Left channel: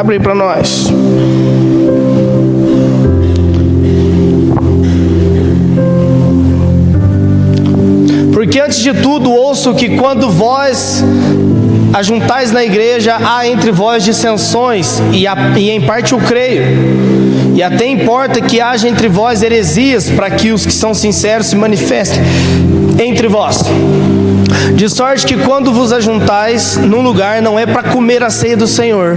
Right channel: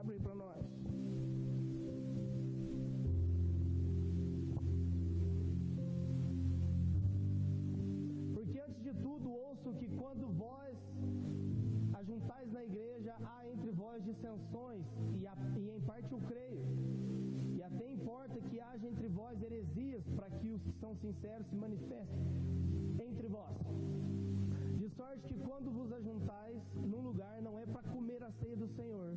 Abre aí para nós. Porque antes de tudo ouço que quando vós ajuntais na igreja, há entre vós dissensões, e em parte eu creio. E até importa que haja entre vós heresias, para que os que são sinceros se manifestem entre vós. De sorte que quando vos ajuntais num lugar, não é para comer a ceia do Senhor,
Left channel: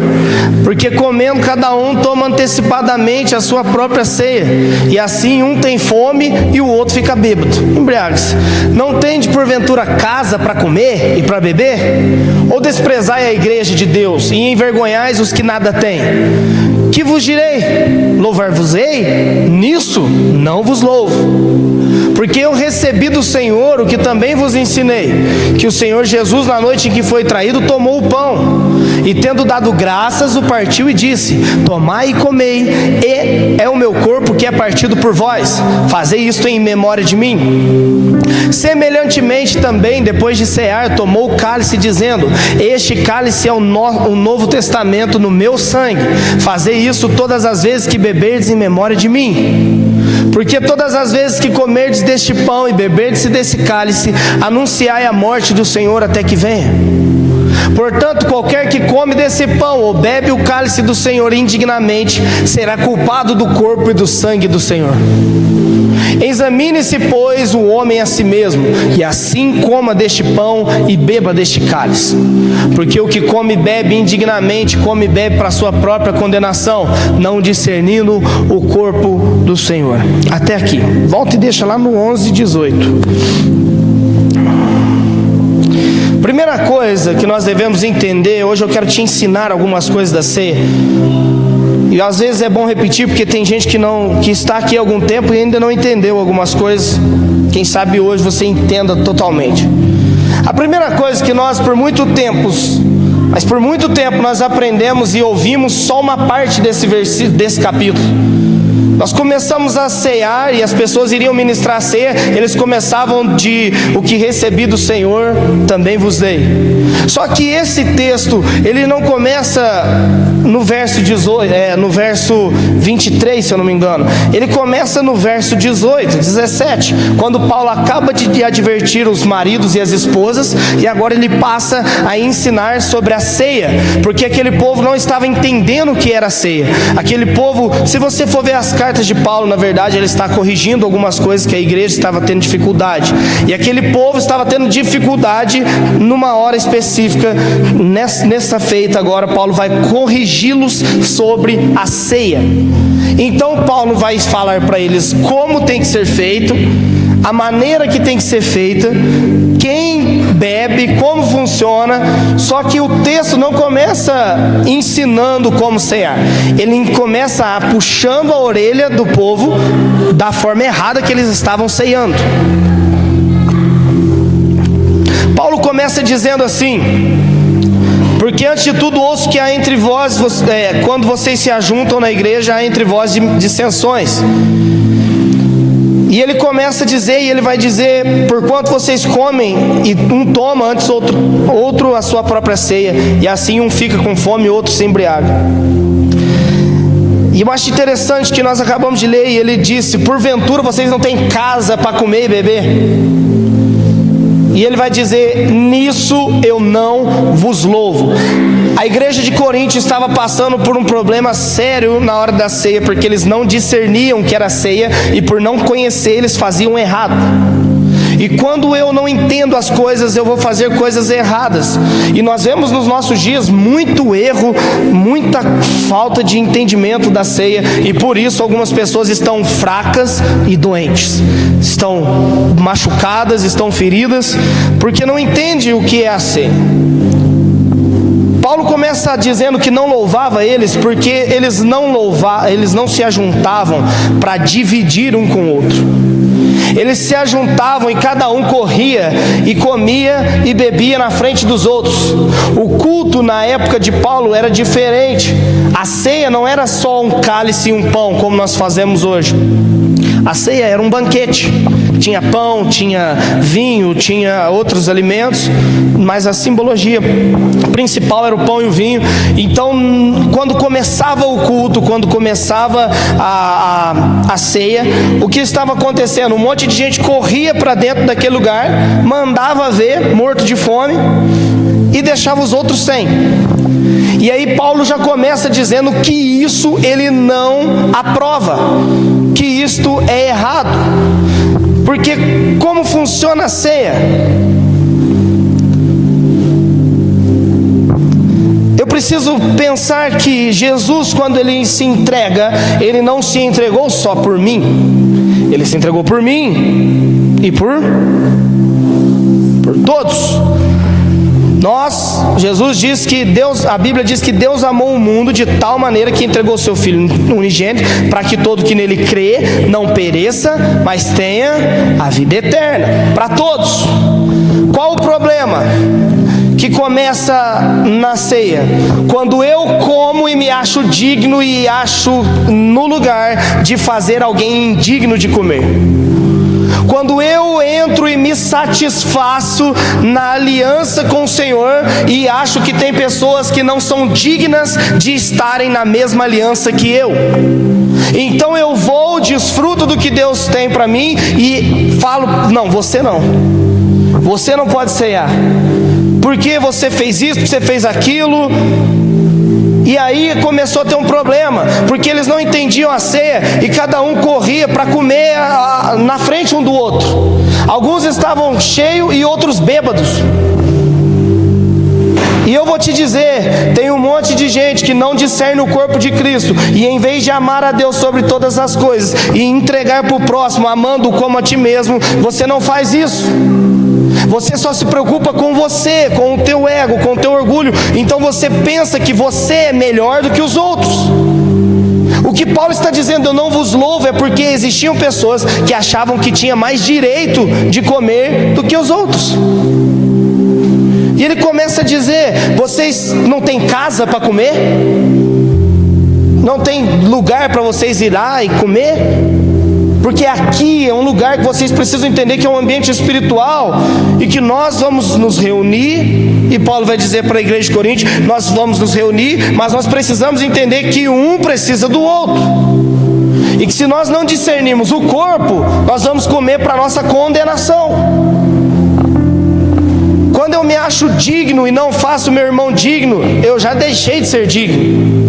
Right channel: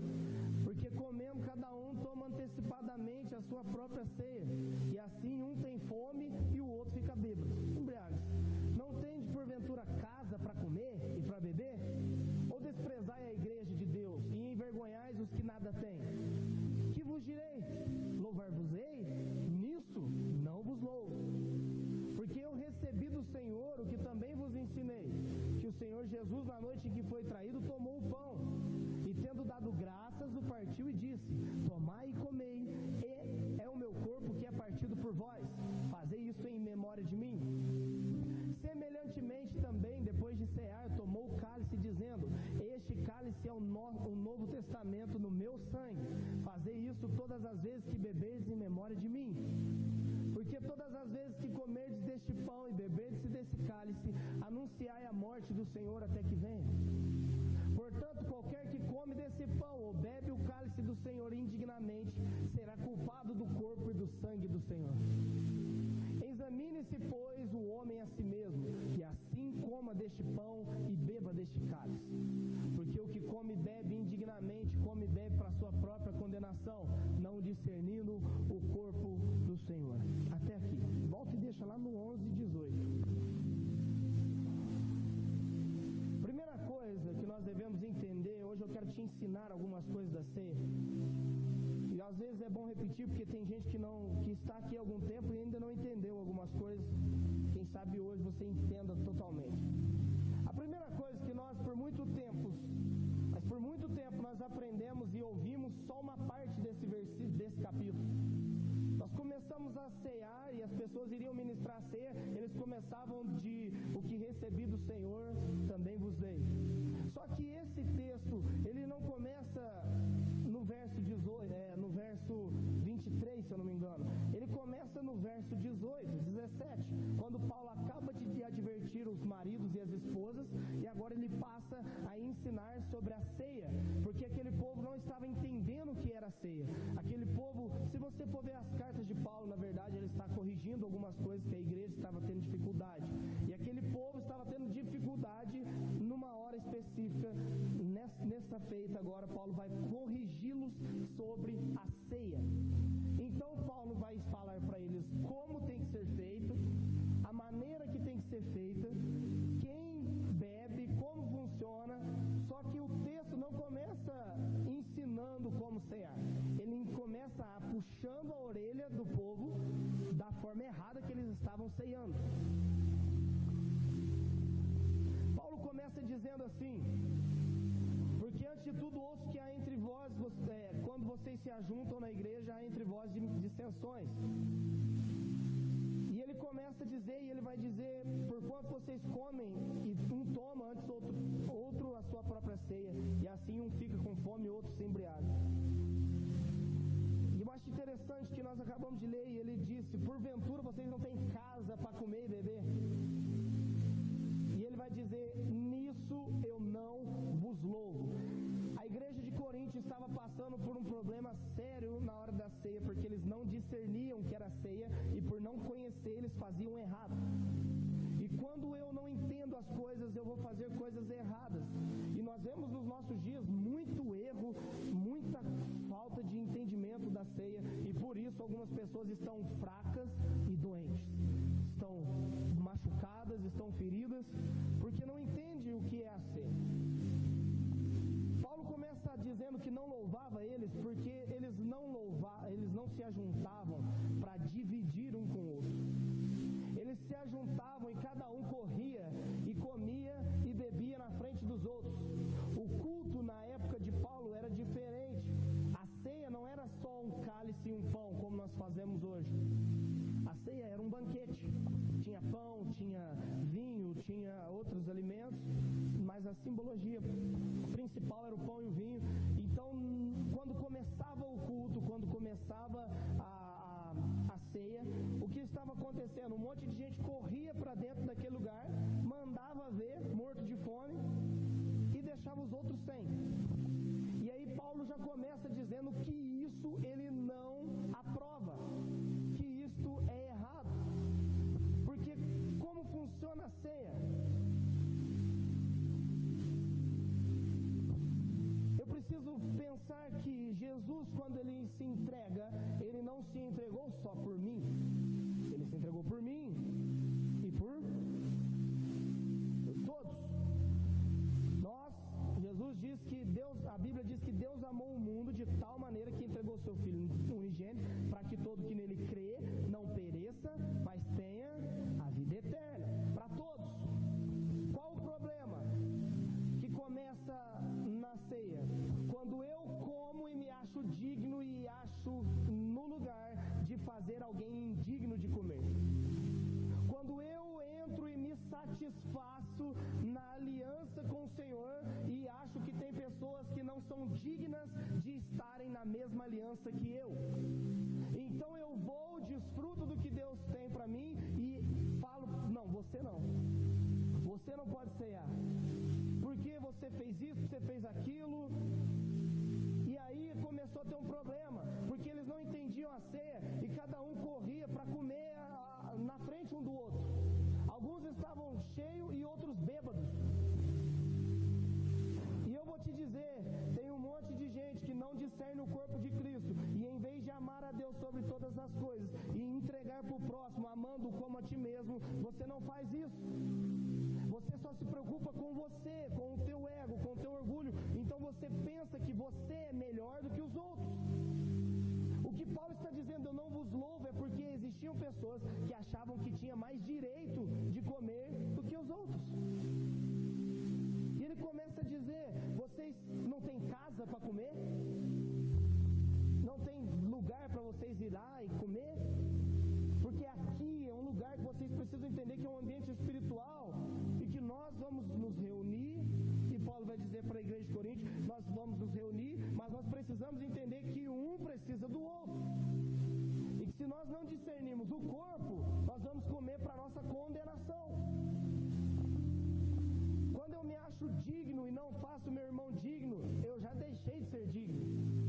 porque comendo cada um toma antecipadamente a sua própria ceia, e assim um tem fome e o outro fica bêbado. Embriague-se. Não tende porventura casa para comer e para beber? Ou desprezai a igreja de Deus e envergonhais os que nada têm? Que vos direi? Louvar-vos-ei? Nisso não vos louvo. Porque eu recebi do Senhor o que também vos ensinei, que o Senhor Jesus, na noite em que foi traído, tomou o pão, e tendo dado graças, o partiu e disse: tomai e comei, e é o meu corpo que é partido por vós, fazei isto em memória de mim. Semelhantemente também, depois de cear, tomou o cálice, dizendo: este cálice é o novo testamento no meu sangue, fazei isso todas as vezes que beberdes em memória de mim. Porque todas as vezes que comerdes deste pão e beberdes desse cálice, anunciai a morte do Senhor até que venha. Portanto, qualquer que come desse pão ou bebe o cálice do Senhor indignamente, será culpado do corpo e do sangue do Senhor. Examine-se, pois, o homem a si mesmo, e assim coma deste pão e beba deste cálice. Porque o que come e bebe indignamente, come e bebe para a sua própria condenação, não discernindo o corpo do Senhor. Até aqui. Volta e deixa lá no 11:18. Primeira coisa que nós devemos entender, hoje eu quero te ensinar algumas coisas da ceia. E às vezes é bom repetir, porque tem gente que está aqui há algum tempo e ainda não entendeu algumas coisas. Quem sabe hoje você entenda totalmente. A primeira coisa que nós por muito tempo nós aprendemos e ouvimos só uma parte desse capítulo. Nós começamos a cear e as pessoas iriam ministrar a ceia, eles começavam de: o que recebi do Senhor, também vos dei. Só que esse texto, ele não começa no verso 18, no verso 23, se eu não me engano. Ele começa no verso 18, 17, quando Paulo acaba de advertir os maridos e as esposas, e agora ele passa a ensinar sobre a ceia, porque aquele povo não estava entendendo o que era a ceia. Aquele povo, se você for ver as cartas de Paulo, na verdade ele está corrigindo algumas coisas que a igreja estava tendo dificuldade, e aquele povo estava tendo dificuldade numa hora específica. Nessa feita agora Paulo vai corrigi-los sobre a ceia. Então Paulo vai falar para eles como tem que ser feito, a maneira que tem que ser feita, quem bebe, como funciona. Só que o texto não começa ensinando como cear, ele começa puxando a orelha do povo da forma errada que eles estavam ceando. Paulo começa dizendo assim: porque antes de tudo ouço que há entre vós, quando vocês se ajuntam na igreja, há entre vós dissensões. E ele começa a dizer, e ele vai dizer: porquanto vocês comem, e um toma antes outro a sua própria ceia, e assim um fica com fome e outro se embriaga. E eu acho interessante que nós acabamos de ler, e ele disse: porventura vocês não têm casa para comer e beber? E ele vai dizer: nisso eu não vos louvo. A igreja de Corinto estava passando por um problema sério na hora da ceia, porque eles não discerniam o que era ceia, e por não conhecer eles faziam errado. E quando eu não entendo as coisas, eu vou fazer coisas erradas. E nós vemos nos nossos dias muito erro, muita falta de entendimento da ceia, e por isso algumas pessoas estão fracas e doentes, estão machucadas, estão feridas, porque não entendem o que é a ceia. Paulo começa dizendo que não louvava eles, porque eles não se ajuntavam para dividir um com o outro. Eles se ajuntavam e cada um corria e comia e bebia na frente dos outros. O culto na época de Paulo era diferente. A ceia não era só um cálice e um pão como nós fazemos hoje. A ceia era um banquete. Tinha pão, tinha vinho, tinha outros alimentos, mas a simbologia principal era o pão e o vinho. Então, quando começava o culto, quando começava a ceia, o que estava acontecendo? Um monte de gente corria para dentro daquele lugar, mandava ver, morto de fome, e deixava os outros sem. E aí Paulo já começa dizendo que isso ele não aprova, que isto é errado. Porque como funciona a ceia? Eu preciso pensar que Jesus, quando ele se entrega, ele não se entregou só por mim, ele se entregou por mim e por todos. Jesus diz que a Bíblia diz que Deus amou o mundo de tal maneira que entregou seu Filho unigênito, para que todo que nele crê não pereça, mas tenha a vida eterna, para todos. Qual o problema? Que começa na ceia, quando eu como e me acho digno e acho no lugar de fazer alguém indigno de comer. Quando eu entro e me satisfaço na aliança com o Senhor e acho que tem pessoas que não são dignas de estarem na mesma aliança que eu, então eu vou, desfruto do que Deus tem para mim e falo: não, você não pode ceiar, porque você fez isso, você fez aquilo. E aí começou a ter um problema, porque eles não entendiam a ceia e cada um corria para comer na frente um do outro. Alguns estavam cheios e outros bêbados. E eu vou te dizer, tem um monte de gente que não discerne o corpo de Cristo, e em vez de amar a Deus sobre todas as coisas e entregar para o próximo, amando como a ti mesmo, você não faz isso. Você só se preocupa com você, com o teu ego, com o teu orgulho. Então você pensa que você é melhor do que os outros. O que Paulo está dizendo, eu não vos louvo, é porque existiam pessoas que achavam que tinha mais direito de comer do que os outros. E ele começa a dizer: vocês não têm casa para comer? Não tem lugar para vocês ir lá e comer? Porque aqui é um lugar que vocês precisam entender que é um ambiente espiritual, e que nós vamos nos reunir, e Paulo vai dizer para a igreja de Corinto: nós vamos nos reunir, mas nós precisamos entender que um precisa do outro, e que se nós não discernirmos o corpo, nós vamos comer para a nossa condenação. Quando eu me acho digno e não faço meu irmão digno, eu já deixei de ser digno.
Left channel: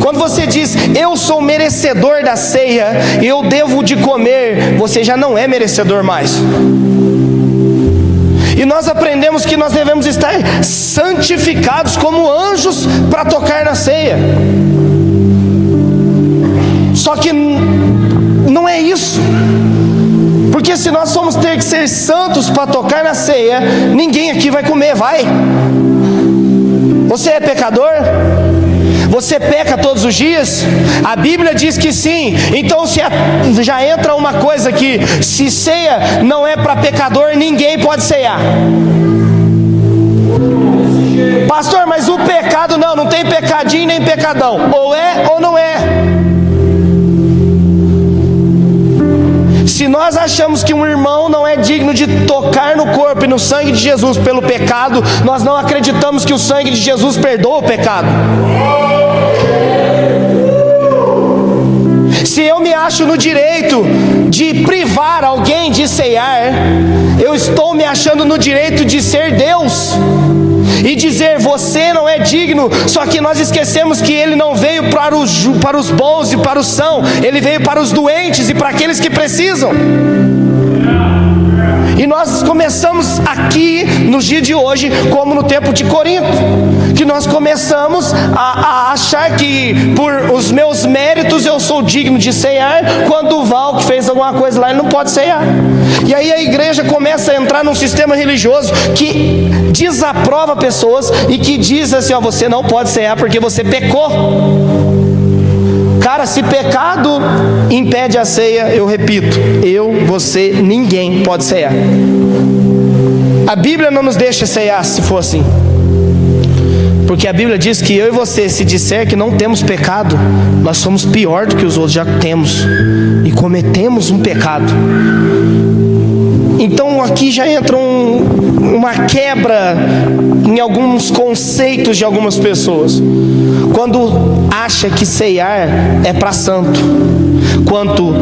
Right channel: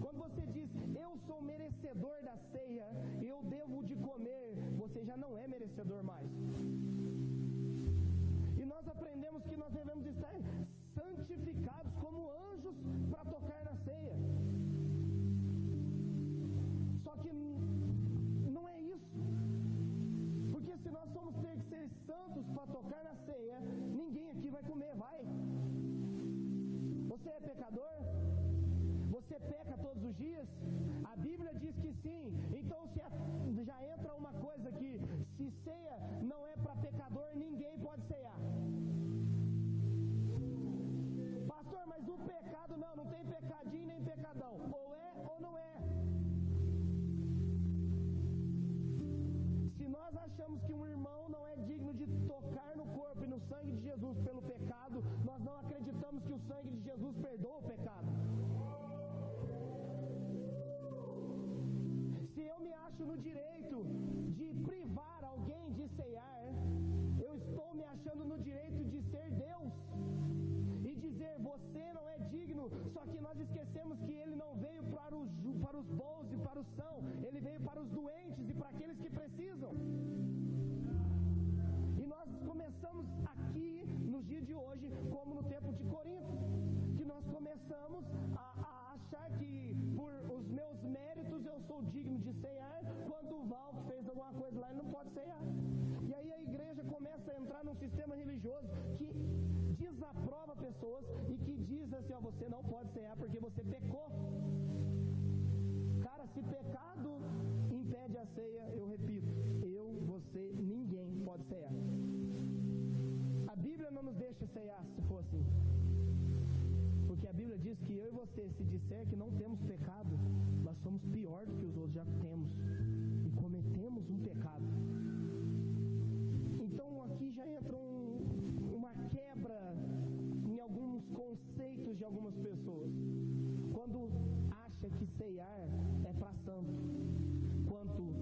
Quando você diz: eu sou merecedor da ceia, eu devo de comer, você já não é merecedor mais. E nós aprendemos que nós devemos estar santificados como anjos para tocar na ceia. Só que não é isso. Porque se nós formos ter que ser santos para tocar na ceia, ninguém aqui vai comer, vai? Você é pecador? Você peca todos os dias? A Bíblia diz que sim. Então já entra uma coisa aqui: se ceia não é para pecador, ninguém pode ceiar. Pastor, mas o pecado não tem pecadinho nem pecadão. Ou é ou não é. Se nós achamos que um irmão não é digno de tocar no corpo e no sangue de Jesus pelo pecado, nós não acreditamos que o sangue de Jesus perdoa o pecado. Se eu me acho no direito de privar alguém de ceiar, eu estou me achando no direito de ser Deus e dizer: você não é digno. Só que nós esquecemos que Ele não veio para os bons e para os sãos, Ele veio para os doentes e para aqueles que precisam. E nós começamos aqui nos dias de hoje, como no tempo de Corinto, que nós começamos a achar que por os meus méritos eu sou digno de ceiar, quando o Val que fez alguma coisa lá, ele não pode ceiar. E aí a igreja começa a entrar num sistema religioso que desaprova pessoas e que diz assim: você não pode ceiar porque você pecou. Cara, se pecado impede a ceia, eu repito, você, ninguém pode ceiar. A Bíblia não nos deixa ceiar se for assim. Porque a Bíblia diz que eu e você, se disser que não temos pecado, nós somos pior do que os outros já temos, e cometemos um pecado. Então aqui já entra uma quebra em alguns conceitos de algumas pessoas. Quando acha que ceiar é para santo, quanto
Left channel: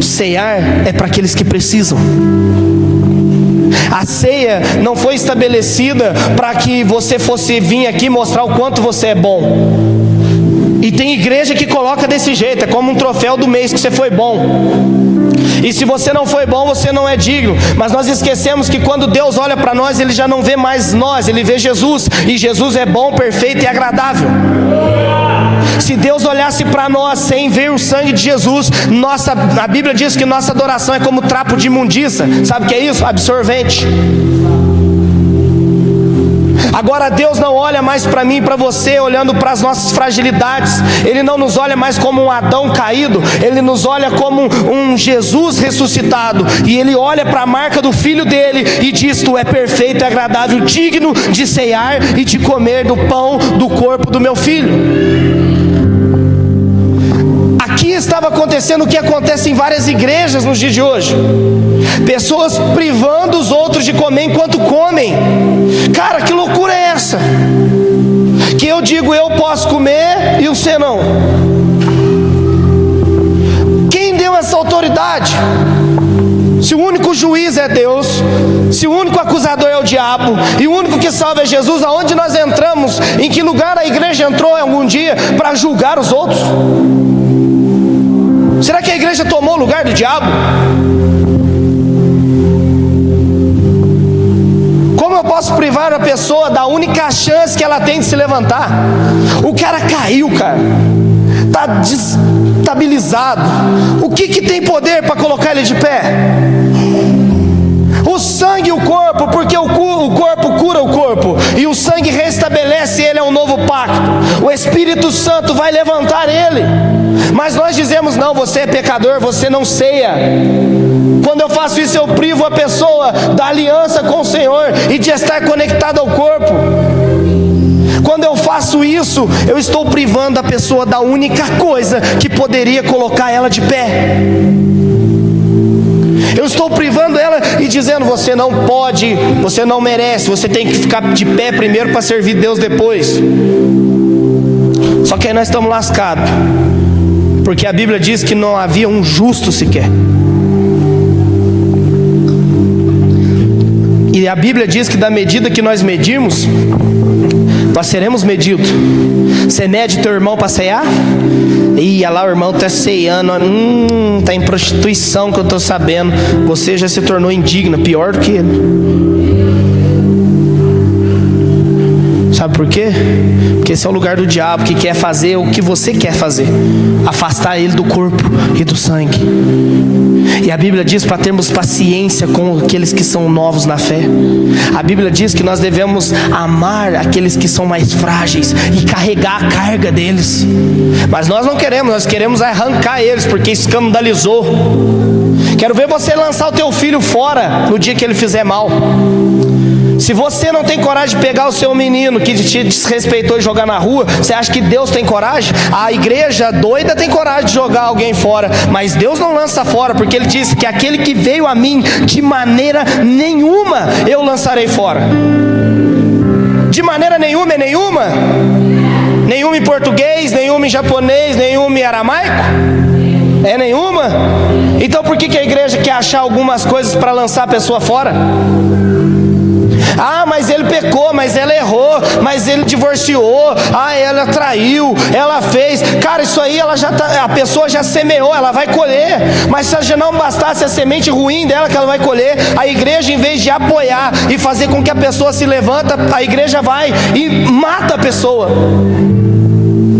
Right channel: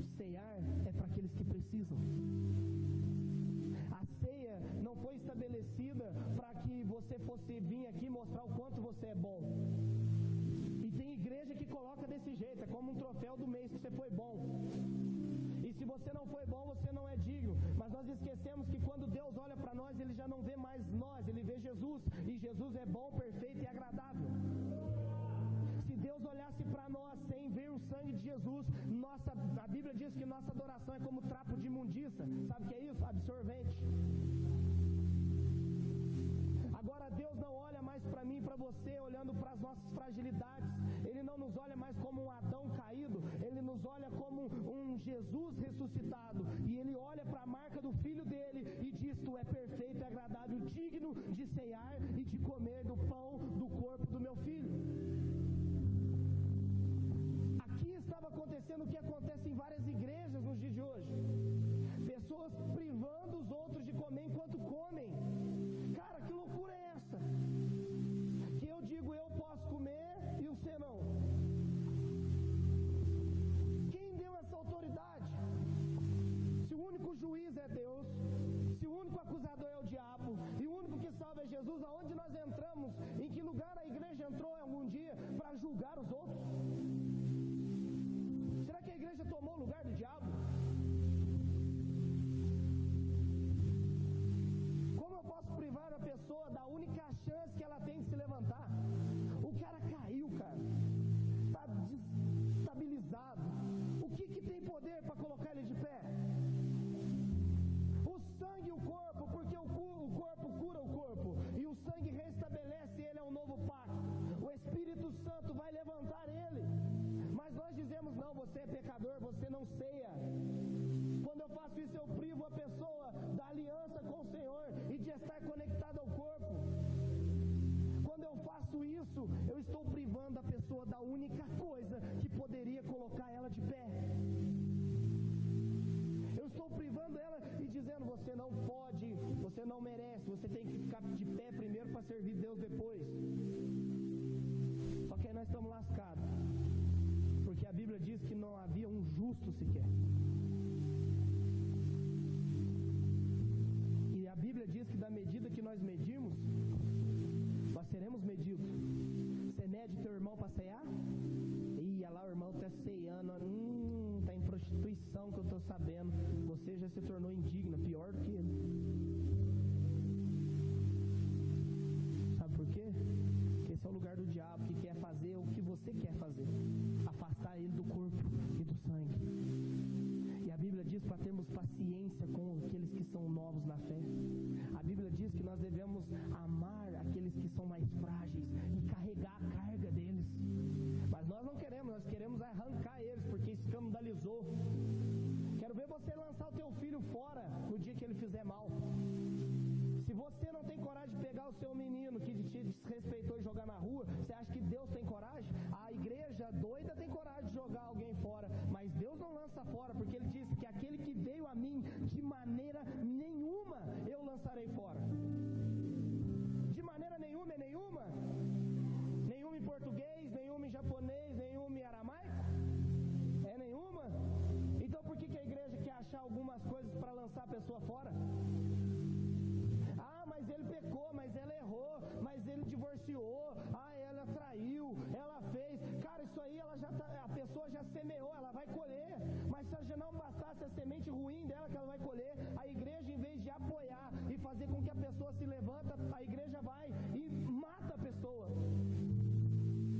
ceiar é para aqueles que precisam. A ceia não foi estabelecida para que você fosse vir aqui mostrar o quanto você é bom. E tem igreja que coloca desse jeito, é como um troféu do mês que você foi bom. E se você não foi bom, você não é digno. Mas nós esquecemos que quando Deus olha para nós, Ele já não vê mais nós, Ele vê Jesus. E Jesus é bom, perfeito e agradável. Se Deus olhasse para nós sem ver o sangue de Jesus, a Bíblia diz que nossa adoração é como trapo de imundícia. Sabe o que é isso? Absorvente. Agora Deus não olha mais para mim e para você olhando para as nossas fragilidades. Ele não nos olha mais como um Adão caído. Ele nos olha como um Jesus ressuscitado. E Ele olha para a marca do Filho dele e diz: tu é perfeito e agradável, digno de ceiar e de comer do pão do corpo do meu Filho. Aqui estava acontecendo o que acontece em várias igrejas nos dias de hoje. Pessoas privando os outros de comer enquanto comem. Cara, que loucura é essa? Que eu digo, eu posso comer e você não. Quem deu essa autoridade? Se o único juiz é Deus, se o único acusador é o diabo, e o único que salva é Jesus, aonde nós entramos? Em que lugar a igreja entrou algum dia para julgar os outros? Será que a igreja tomou o lugar do diabo? Como eu posso privar a pessoa da única chance que ela tem de se levantar? O cara caiu, cara, está desestabilizado. O que tem poder para colocar ele de pé? O sangue e o corpo, porque o corpo cura o corpo, e o sangue restabelece ele a um novo pacto. O Espírito Santo vai levantar ele. Mas nós dizemos: não, você é pecador, você não ceia. Quando eu faço isso, eu privo a pessoa da aliança com o Senhor e de estar conectada ao corpo. Quando eu faço isso, eu estou privando a pessoa da única coisa que poderia colocar ela de pé. Eu estou privando ela e dizendo: você não pode, você não merece, você tem que ficar de pé primeiro para servir Deus depois. Só que aí nós estamos lascados, porque a Bíblia diz que não havia um justo sequer. E a Bíblia diz que da medida que nós medirmos, nós seremos medidos. Você mede teu irmão para ceiar? Ih, olha lá, o irmão está ceiando, está em prostituição, que eu estou sabendo. Você já se tornou indigna, pior do que ele. Sabe por quê? Porque esse é o lugar do diabo, que quer fazer o que você quer fazer, afastar ele do corpo e do sangue. E a Bíblia diz para termos paciência com aqueles que são novos na fé. A Bíblia diz que nós devemos amar aqueles que são mais frágeis e carregar a carga deles. Mas nós não queremos, nós queremos arrancar eles, porque escandalizou. Quero ver você lançar o teu filho fora no dia que ele fizer mal. Se você não tem coragem de pegar o seu menino que te desrespeitou e jogar na rua, você acha que Deus tem coragem? A igreja doida tem coragem de jogar alguém fora, mas Deus não lança fora, porque Ele disse que aquele que veio a mim, de maneira nenhuma eu lançarei fora. De maneira nenhuma é nenhuma? Nenhuma em português, nenhuma em japonês, nenhuma em aramaico? É nenhuma? Então por que a igreja quer achar algumas coisas para lançar a pessoa fora? Ah, mas ele pecou, mas ela errou, mas ele divorciou, ah, ela traiu, ela fez. Cara, isso aí a pessoa já semeou, ela vai colher. Mas se já não bastasse a semente ruim dela que ela vai colher, a igreja, em vez de apoiar e fazer com que a pessoa se levanta, a igreja vai e mata a pessoa.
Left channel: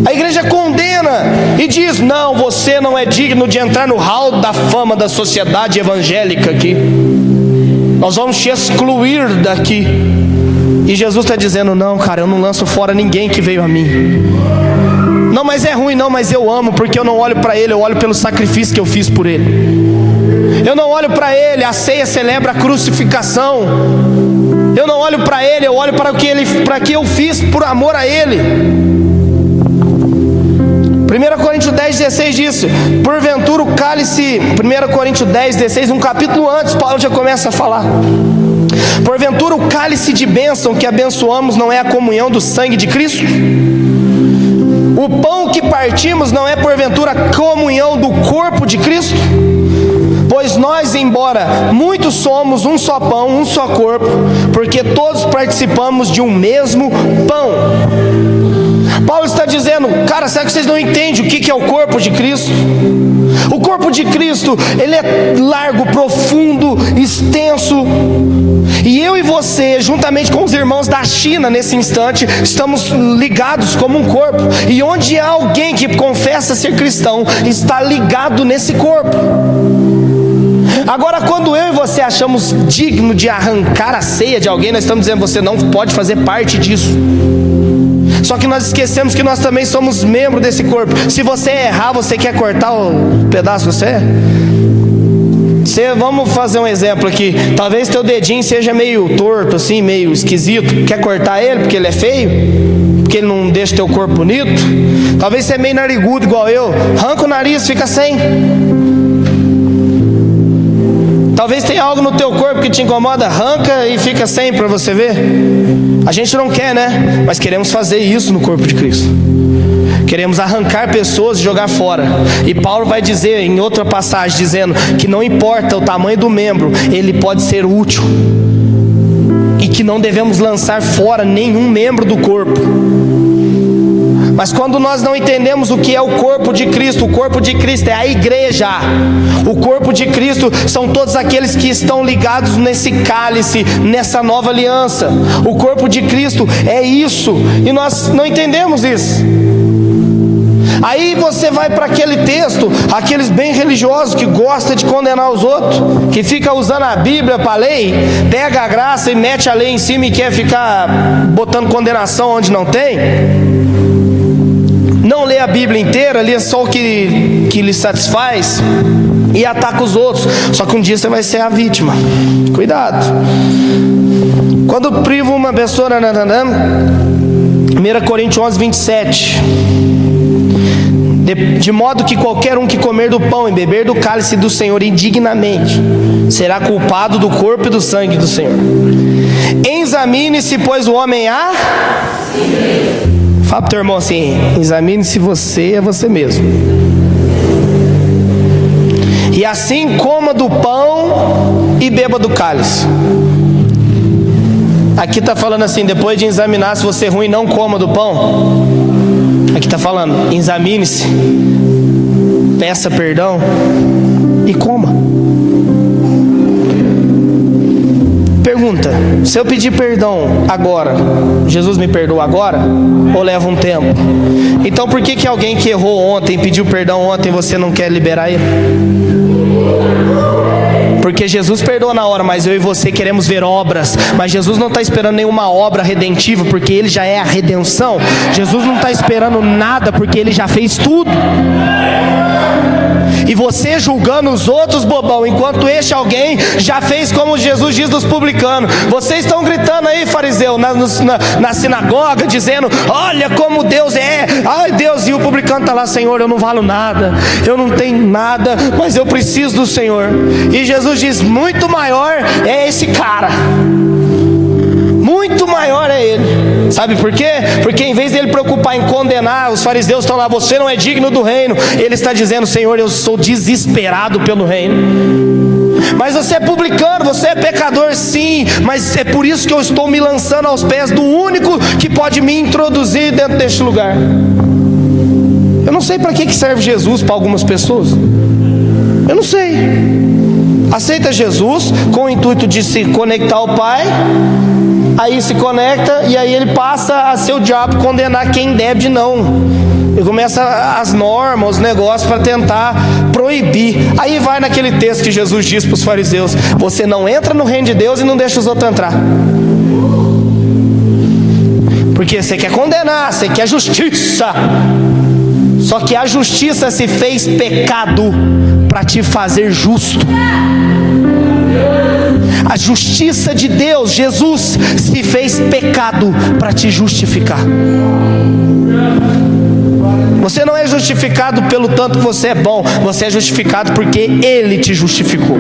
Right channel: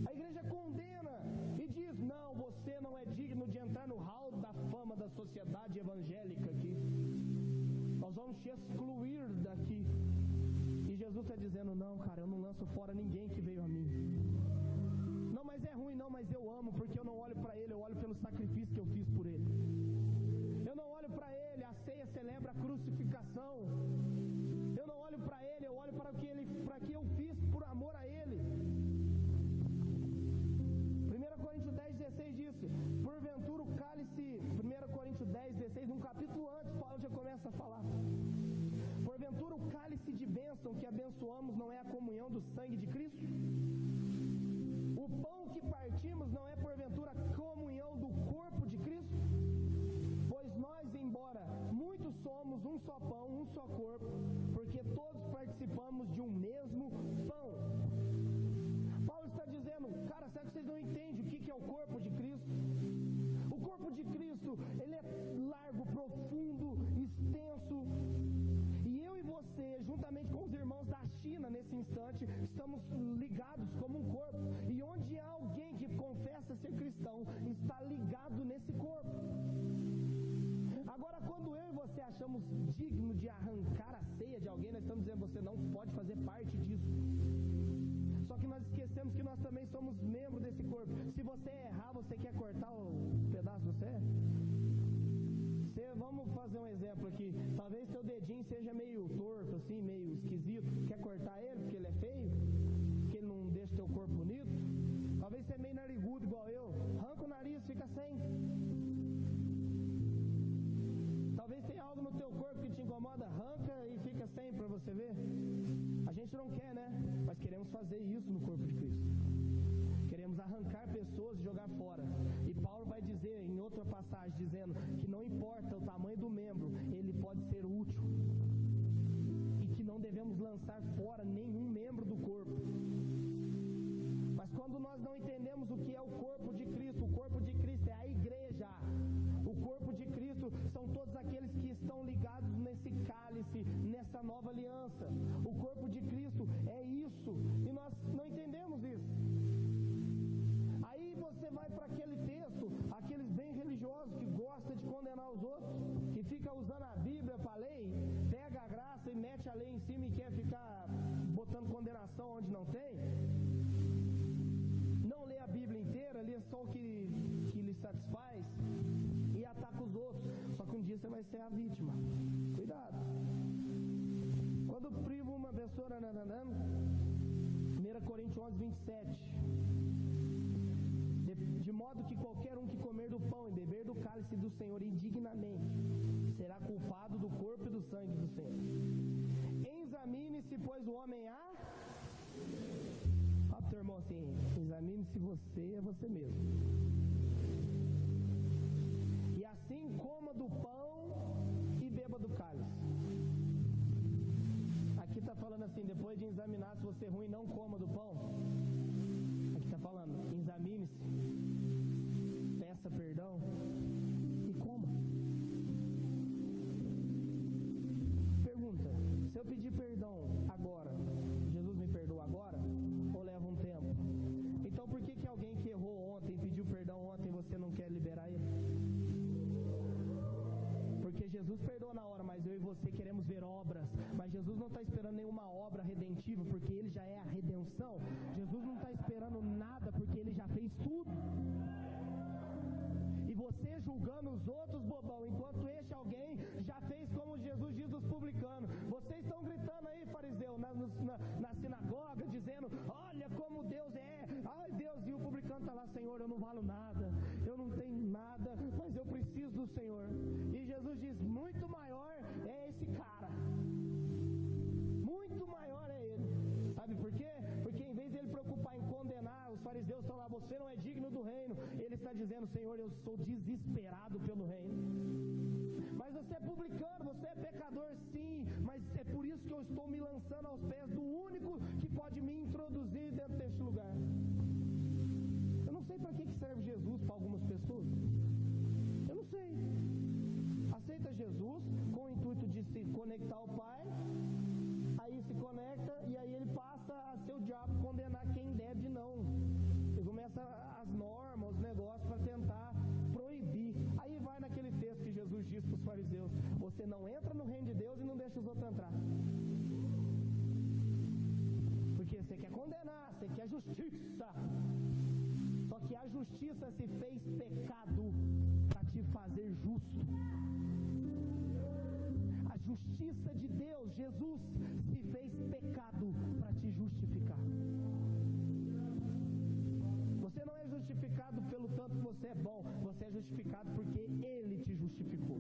A igreja condena e diz: não, você não é digno de entrar no hall da fama da sociedade evangélica aqui. Nós vamos te excluir daqui. E Jesus está dizendo: não, cara, eu não lanço fora ninguém que veio a mim. Não, mas é ruim, não, mas eu amo, porque eu não olho para ele, eu olho pelo sacrifício que eu fiz por ele. Eu não olho para ele, a ceia celebra a crucificação. Eu não olho para ele, eu olho para o que eu fiz por amor a ele. 1 Coríntios Coríntios 10:16 diz: porventura o cálice, 1 Coríntios 10:16, um capítulo antes, Paulo já começa a falar. Porventura o cálice de bênção que abençoamos não é a comunhão do sangue de Cristo? O pão que partimos não é porventura a comunhão do corpo de Cristo? Pois nós, embora muitos, somos um só pão, um só corpo, porque todos participamos de um mesmo pão. Paulo está dizendo, cara, será que vocês não entendem o que é o corpo de Cristo? O corpo de Cristo, ele é largo, profundo, extenso. E eu e você, juntamente com os irmãos da China, nesse instante, estamos ligados como um corpo. E onde há alguém que confessa ser cristão, está ligado nesse corpo. Agora, quando eu e você achamos digno de arrancar a ceia de alguém, nós estamos dizendo, você não pode fazer parte disso. Só que nós esquecemos que nós também somos membro desse corpo. Se você errar, você quer cortar o pedaço que você é? Vamos fazer um exemplo aqui. Talvez teu dedinho seja meio torto assim, meio esquisito. Quer cortar ele porque ele é feio? Porque ele não deixa teu corpo bonito? Talvez você é meio narigudo igual eu. Arranca o nariz, fica sem. Talvez tenha algo no teu corpo que te incomoda. Arranca e fica sem para você ver. A gente não quer, né? Mas queremos fazer isso no corpo de Cristo. Queremos arrancar pessoas e jogar fora. E Paulo vai dizer em outra passagem, dizendo que não importa o tamanho do membro, ele pode ser útil. E que não devemos lançar fora nenhum membro do corpo. Mas quando nós não entendemos o que é o corpo de Cristo, o corpo de Cristo é a igreja. O corpo de Cristo são todos aqueles que estão ligados nesse cálice, nessa nova aliança. O corpo de Cristo é isso, e nós não entendemos isso. Aí você vai para aquele texto, aqueles bem religiosos que gostam de condenar os outros, que fica usando a Bíblia para a lei, pega a graça e mete a lei em cima e quer ficar botando condenação onde não tem. Não lê a Bíblia inteira, lê só o que lhe satisfaz e ataca os outros. Só que um dia você vai ser a vítima. Cuidado. Quando priva uma pessoa, 1 Coríntios 11:27, de modo que qualquer um que comer do pão e beber do cálice do Senhor indignamente será culpado do corpo e do sangue do Senhor. Examine-se, pois, o homem a... Fala pro teu irmão assim, examine se você é você mesmo. E assim coma do pão e beba do cálice. Aqui está falando assim, depois de examinar se você é ruim, não coma do pão. Aqui está falando, examine-se, peça perdão e coma. Pergunta, se eu pedir perdão agora, Jesus me perdoa agora? Ou leva um tempo? Então por que alguém que errou ontem, pediu perdão ontem, você não quer liberar ele? Porque Jesus perdoa na hora, mas eu e você queremos ver obras. Mas Jesus não está esperando nenhuma obra redentiva, porque Ele já é a redenção. Jesus não está esperando nada, porque Ele já fez tudo. E você julgando os outros, bobão, enquanto este alguém já fez como Jesus diz dos publicanos. Vocês estão gritando aí, fariseu, na sinagoga, dizendo, olha como Deus é, ai Deus, e o publicano está lá, Senhor, eu não valo nada, eu não tenho nada, mas eu preciso do Senhor. E Jesus diz, muito maior é esse cara, muito maior é ele. Sabe por quê? Porque em vez dele preocupar em condenar, os fariseus estão lá, você não é digno do reino. Ele está dizendo, Senhor, eu sou desesperado pelo reino. Mas você é publicano, você é pecador, sim. Mas é por isso que eu estou me lançando aos pés do único que pode me introduzir dentro deste lugar. Eu não sei para que serve Jesus para algumas pessoas. Eu não sei. Aceita Jesus com o intuito de se conectar ao Pai. Aí se conecta e aí ele passa a ser o diabo, condenar quem deve de não. Ele começa as normas, os negócios para tentar proibir. Aí vai naquele texto que Jesus diz para os fariseus, você não entra no reino de Deus e não deixa os outros entrar. Porque você quer condenar, você quer justiça. Só que a justiça se fez pecado para te fazer justo. A justiça de Deus, Jesus, se fez pecado para te justificar. Você não é justificado pelo tanto que você é bom, você é justificado porque Ele te justificou.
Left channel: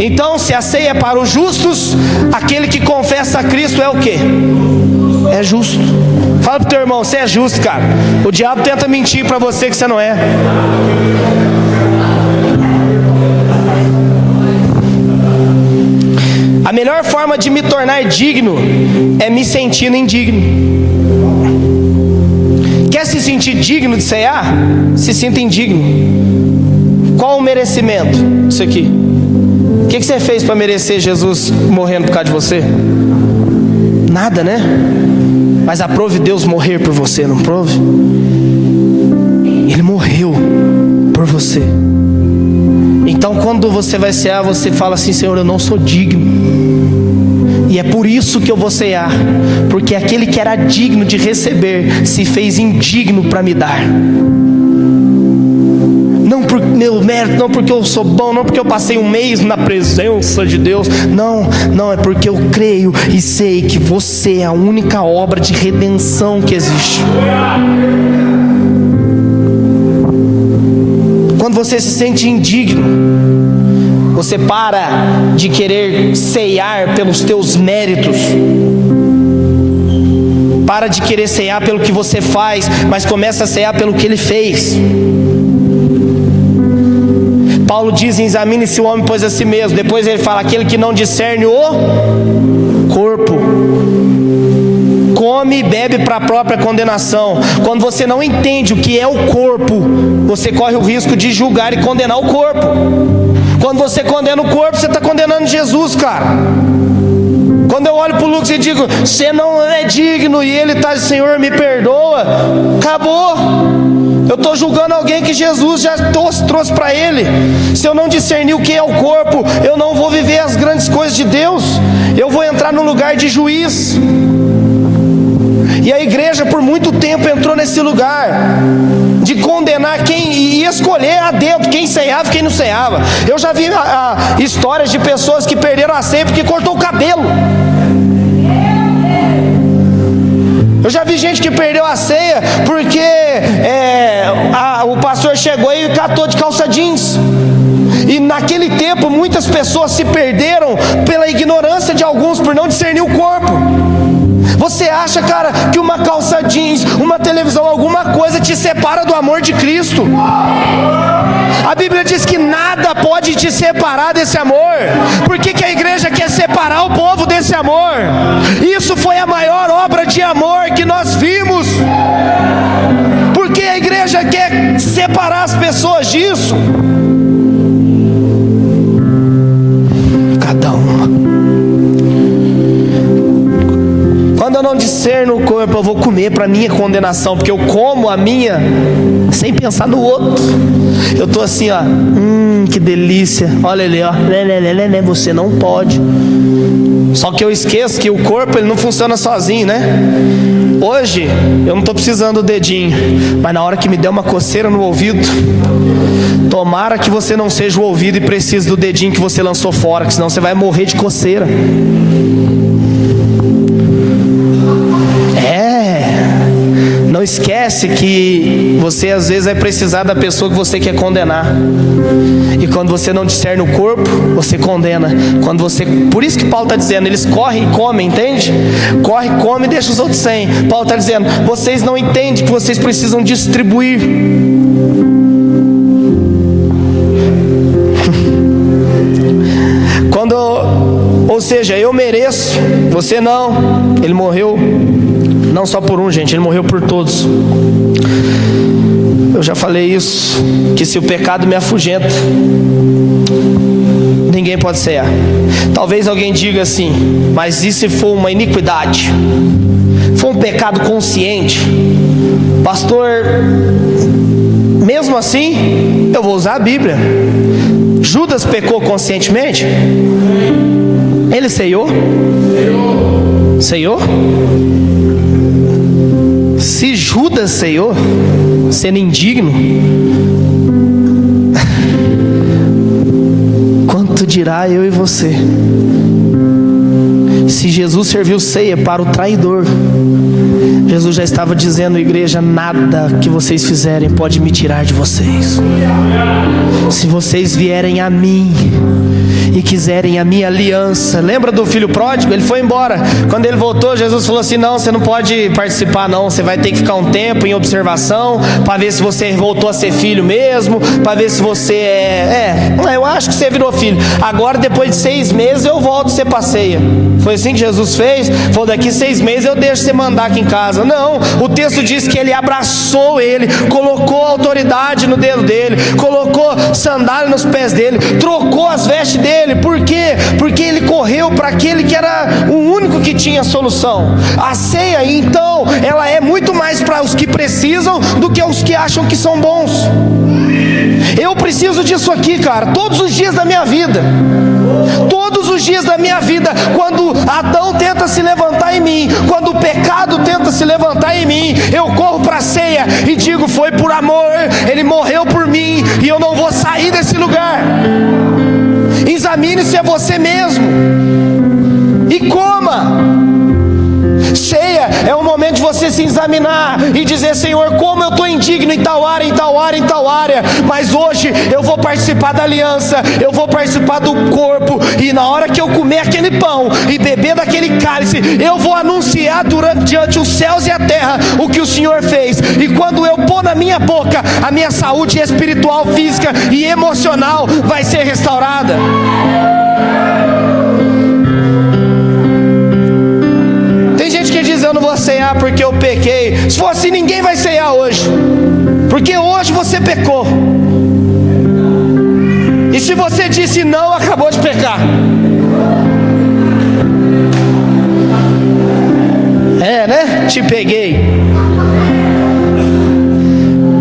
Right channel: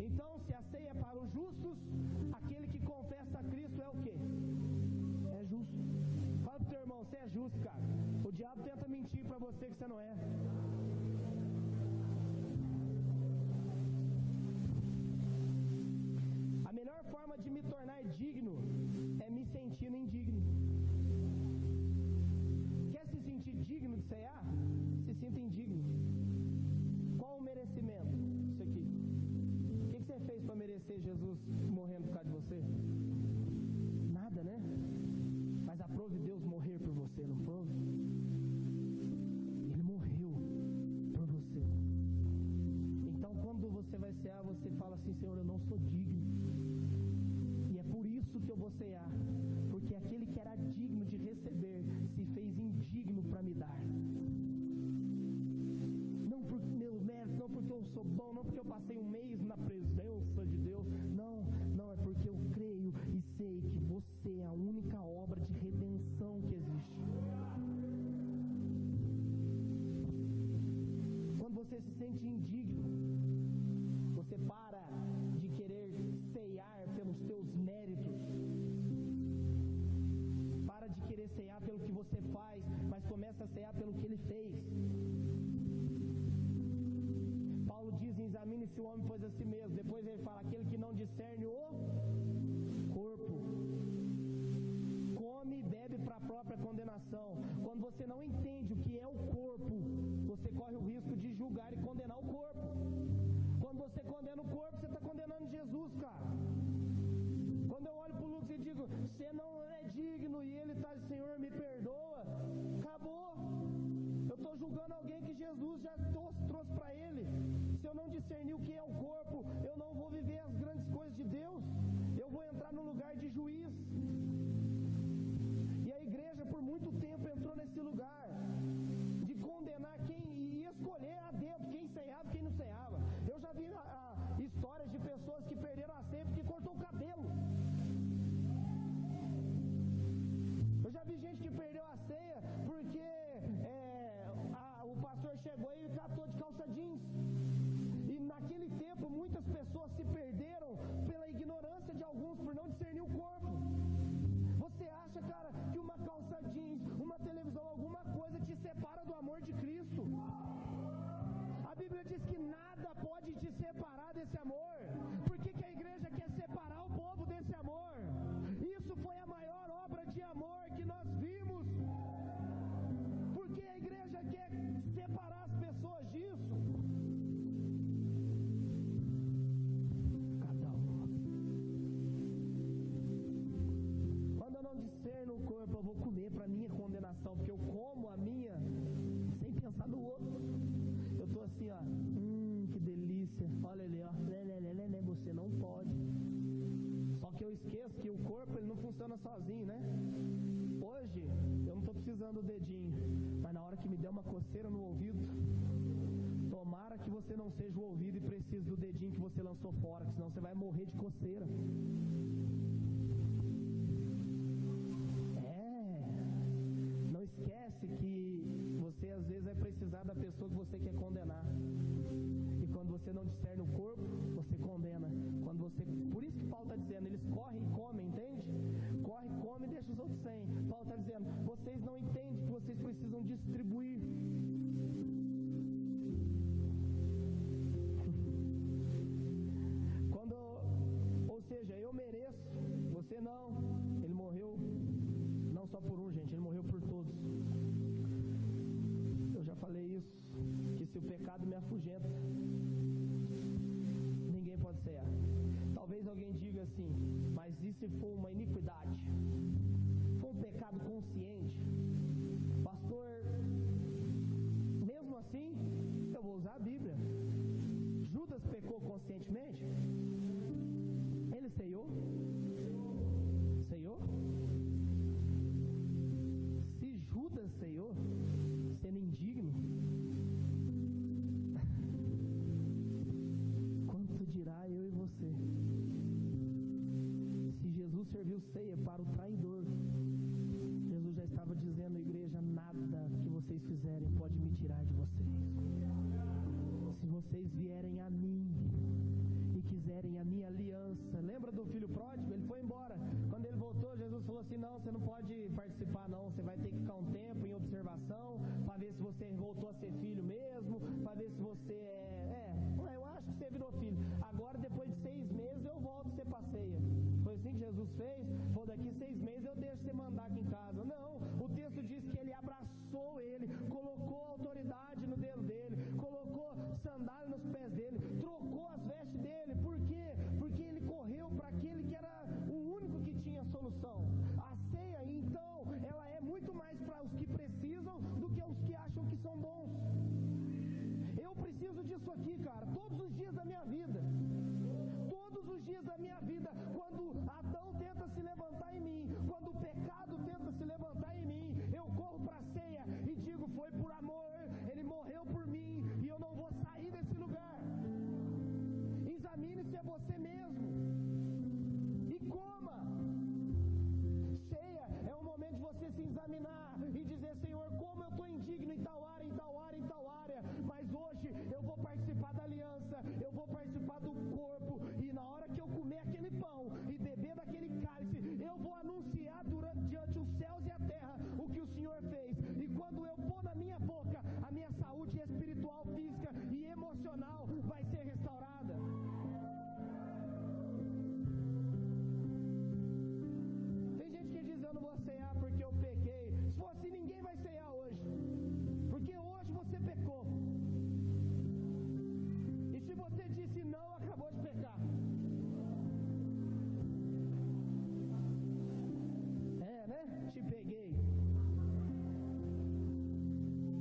Então, se a ceia é para os justos, aquele que confessa a Cristo é o quê? É justo. Fala pro teu irmão, você é justo, cara. O diabo tenta mentir para você que você não é. A melhor forma de me tornar digno é me sentindo indigno. Quer se sentir digno de ceiar? Se sinta indigno. Qual o merecimento? Isso aqui. O que você fez para merecer Jesus morrendo por causa de você? Nada, né? Mas aprove Deus morrer por você, não prove? Ele morreu por você. Então quando você vai cear, você fala assim: Senhor, eu não sou digno. E é por isso que eu vou cear, porque aquele que era digno de receber se fez indigno para me dar. Não por meu mérito, não porque eu sou bom, não porque eu passei um mês na presença de Deus. Não, é porque eu creio e sei que você é a única obra de redenção que existe. Quando você se sente indigno, você para de querer ceiar pelos teus méritos. Para de querer ceiar pelo que você faz, mas começa a ceiar pelo que Ele fez. Paulo diz: examine-se o homem, pois a si mesmo. Depois ele fala: aquele que não discerne o corpo, come e bebe para a própria condenação. Quando você não entende o que é o corpo, você corre o risco de julgar e condenar o corpo. Quando você condena o corpo, você está condenando Jesus, cara. Quando eu olho para o Lucas e digo: você não é digno, e ele está: Senhor, me perdoa. Acabou. Eu estou julgando alguém que Jesus já trouxe para ele. Se eu não discernir o que é o corpo, eu não vou viver as grandes coisas de Deus. Eu vou entrar no lugar de juiz. E a igreja por muito tempo entrou nesse lugar de condenar quem e escolher a dedo quem ceiava e quem não ceiava. Eu já vi histórias de pessoas que perderam a ceia porque cortou o cabelo. Eu já vi gente que perdeu a ceia porque o pastor chegou e catou de calça jeans. E naquele tempo muitas pessoas se perderam pela ignorância de alguns, por não discernir o corpo. Você acha, cara, que uma calça jeans, uma televisão, alguma coisa te separa do amor de Cristo? A Bíblia diz que nada pode te separar desse amor. Por que a igreja quer separar o povo desse amor? Isso foi a maior obra de amor que nós vimos. Porque a igreja quer separar as pessoas disso. Cada uma. Quando eu não discerno o corpo, eu vou comer para minha condenação, porque eu como a minha sem pensar no outro. Eu estou assim, ó, que delícia, olha ali, ó, você não pode. Só que eu esqueço que o corpo ele não funciona sozinho, né? Hoje eu não estou precisando do dedinho, mas na hora que me der uma coceira no ouvido, tomara que você não seja o ouvido e precise do dedinho que você lançou fora, que senão você vai morrer de coceira. Não esquece que você às vezes vai precisar da pessoa que você quer condenar. E quando você não discerne o corpo, você condena. Por isso que Paulo está dizendo, eles correm e comem, entende? Corre, come e deixa os outros sem. Paulo está dizendo, vocês não entendem que vocês precisam distribuir. Ou seja, eu mereço, você não. Ele morreu não só por um, gente, ele morreu por todos. Eu já falei isso, que se o pecado me afugenta, ninguém pode cear. Talvez alguém diga assim, mas e se for uma iniquidade? For um pecado consciente? Pastor, mesmo assim, eu vou usar a Bíblia. Judas pecou conscientemente? Ele ceiou? Ceiou? Se Judas ceiou, sendo indigno, quanto dirá eu e você? Se Jesus serviu ceia para o traidor, Jesus já estava dizendo, igreja, nada que vocês fizerem pode me tirar de vocês. Se vocês vierem a mim e quiserem a minha aliança. Lembra do filho pródigo? Ele foi embora. Quando ele voltou, Jesus falou assim: não, você não pode participar não, você vai ter que ficar um tempo em observação, para ver se você voltou a ser filho mesmo, para ver se você eu acho que você virou filho. Agora depois de 6 meses eu volto, você passeia. Foi assim que Jesus fez? Falou, daqui 6 meses eu deixo você mandar aqui em casa. Não, o texto diz que ele abraçou ele, colocou autoridade no dedo dele, colocou sandália nos pés dele, trocou as vestes dele. Por quê? Porque ele correu para aquele que era o único que tinha solução. A ceia, então, ela é muito mais para os que precisam do que os que acham que são bons. Eu preciso disso aqui, cara, todos os dias da minha vida. Todos os dias da minha vida, quando Adão tenta se levantar em mim, quando o pecado tenta se levantar em mim, eu corro para a ceia e digo: foi por amor, ele morreu por mim e eu não vou sair desse lugar. Examine-se a você mesmo e coma. Ceia é um momento de você se examinar e dizer: Senhor, como eu estou indigno em tal área, em tal área, em tal área, mas hoje eu vou participar da aliança, eu vou participar do corpo, e na hora que eu comer aquele pão e beber daquele cálice, eu vou anunciar diante os céus e a terra o que o Senhor fez. E quando eu pôr na minha boca, a minha saúde espiritual, física e emocional vai ser restaurada. Eu não vou ceiar porque eu pequei. Se for assim, ninguém vai ceiar hoje, porque hoje você pecou. E se você disse não, acabou de pecar. Né? Te peguei.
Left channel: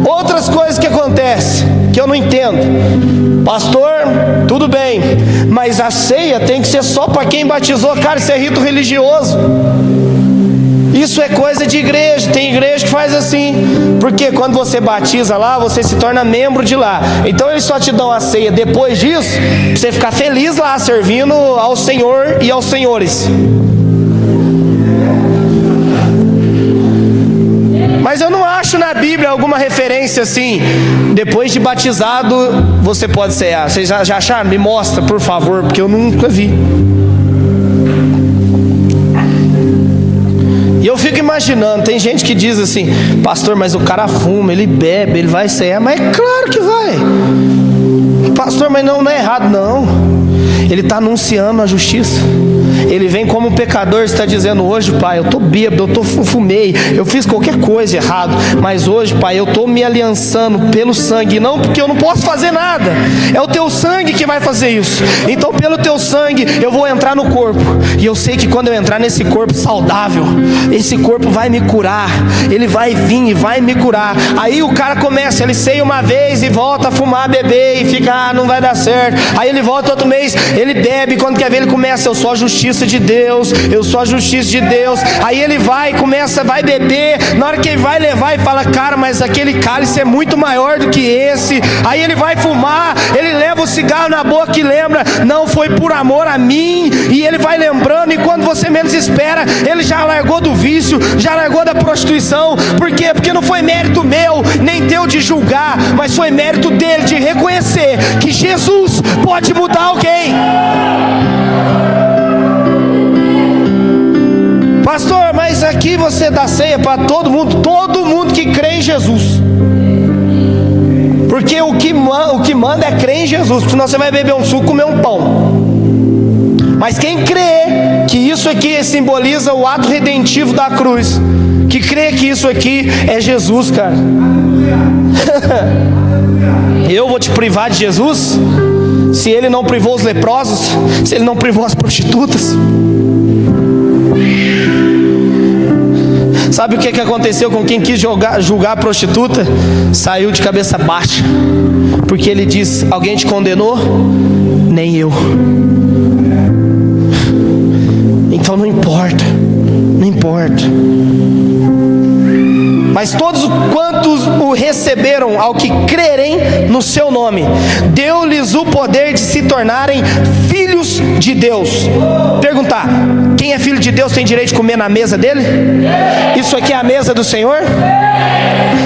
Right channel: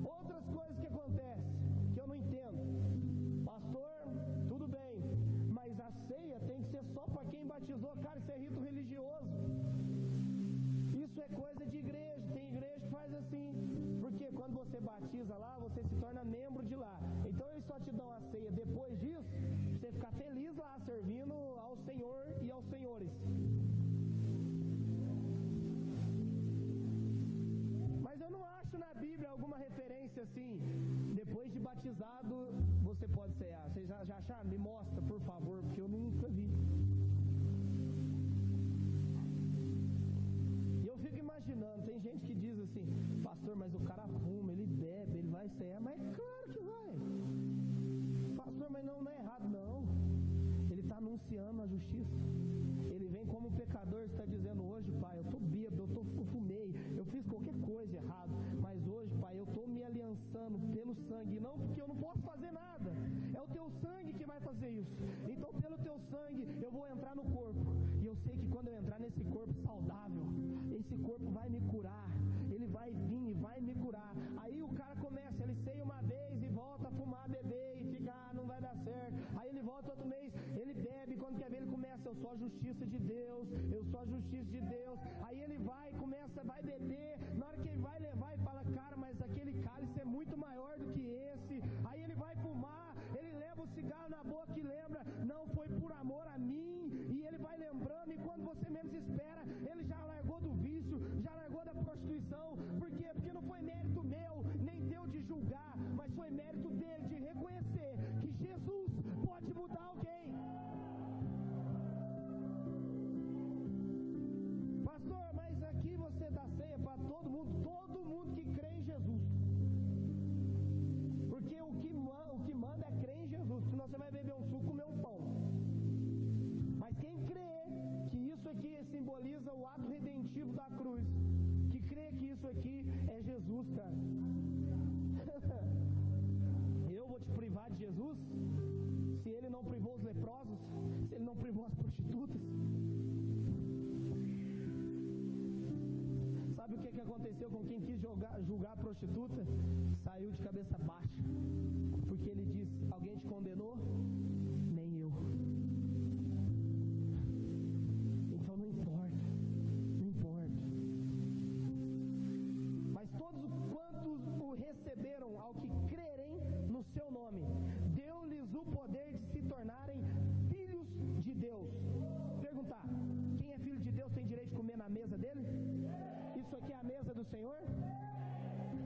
Outras coisas que acontecem que eu não entendo. Pastor, tudo bem, mas a ceia tem que ser só para quem batizou. Cara, isso é rito religioso. Isso é coisa de igreja. Tem igreja que faz assim, porque quando você batiza lá, você se torna membro de lá. Então eles só te dão a ceia depois disso, pra você ficar feliz lá, servindo ao Senhor e aos senhores. Mas eu não acho na Bíblia alguma referência assim: depois de batizado você pode cear. Vocês já acharam? Me mostra, por favor, porque eu nunca vi. E eu fico imaginando, tem gente que diz assim: pastor, mas o cara fuma, ele bebe, ele vai cear. Mas é claro que vai. Pastor, mas não é errado, não. Ele está anunciando a justiça. Ele vem como pecador, está dizendo: hoje, pai, eu estou bêbado, eu fumei, eu fiz qualquer coisa errado, mas hoje, pai, eu estou me aliançando pelo sangue, não porque eu não posso fazer nada, é o teu sangue que vai fazer isso. Então pelo teu sangue eu vou entrar no corpo, e eu sei que quando eu entrar nesse corpo saudável, esse corpo vai me curar, ele vai vir e vai me curar. Aí o cara começa, ele ceia uma vez e volta a fumar, beber, e fica: não vai dar certo. Aí ele volta outro mês, ele bebe, quando quer ver ele começa: eu sou a justiça de Deus, eu sou a justiça de Deus. Aí ele vai, vai beber. Na hora que ele vai levar, e fala: cara, mas aquele cálice é muito maior do que esse. Aí ele vai fumar, ele leva o cigarro na boca e lembra: não foi por amor a mim. E ele vai lembrando, e quando você menos espera, ele já largou do vício, já largou da prostituição. Por quê? Porque não foi mérito meu, nem teu de julgar, mas foi mérito dele de reconhecer que Jesus pode mudar alguém. Pastor, mas aqui você dá ceia para todo mundo que crê em Jesus. Porque o que manda é crer em Jesus, senão você vai beber um suco, comer um pão. Mas quem crê que isso aqui simboliza o ato redentivo da cruz, que crê que isso aqui é Jesus, cara. Eu vou te privar de Jesus? Se ele não privou os leprosos, se ele não privou as prostitutas. Sabe o que aconteceu com quem quis julgar a prostituta? Saiu de cabeça baixa, porque ele diz: alguém te condenou? Nem eu. Então não importa, não importa. Mas todos quantos o receberam, ao que crerem no seu nome, deu-lhes o poder de se tornarem filhos de Deus. Perguntar: Quem é filho de Deus tem direito de comer na mesa dele? Isso aqui é a mesa do Senhor?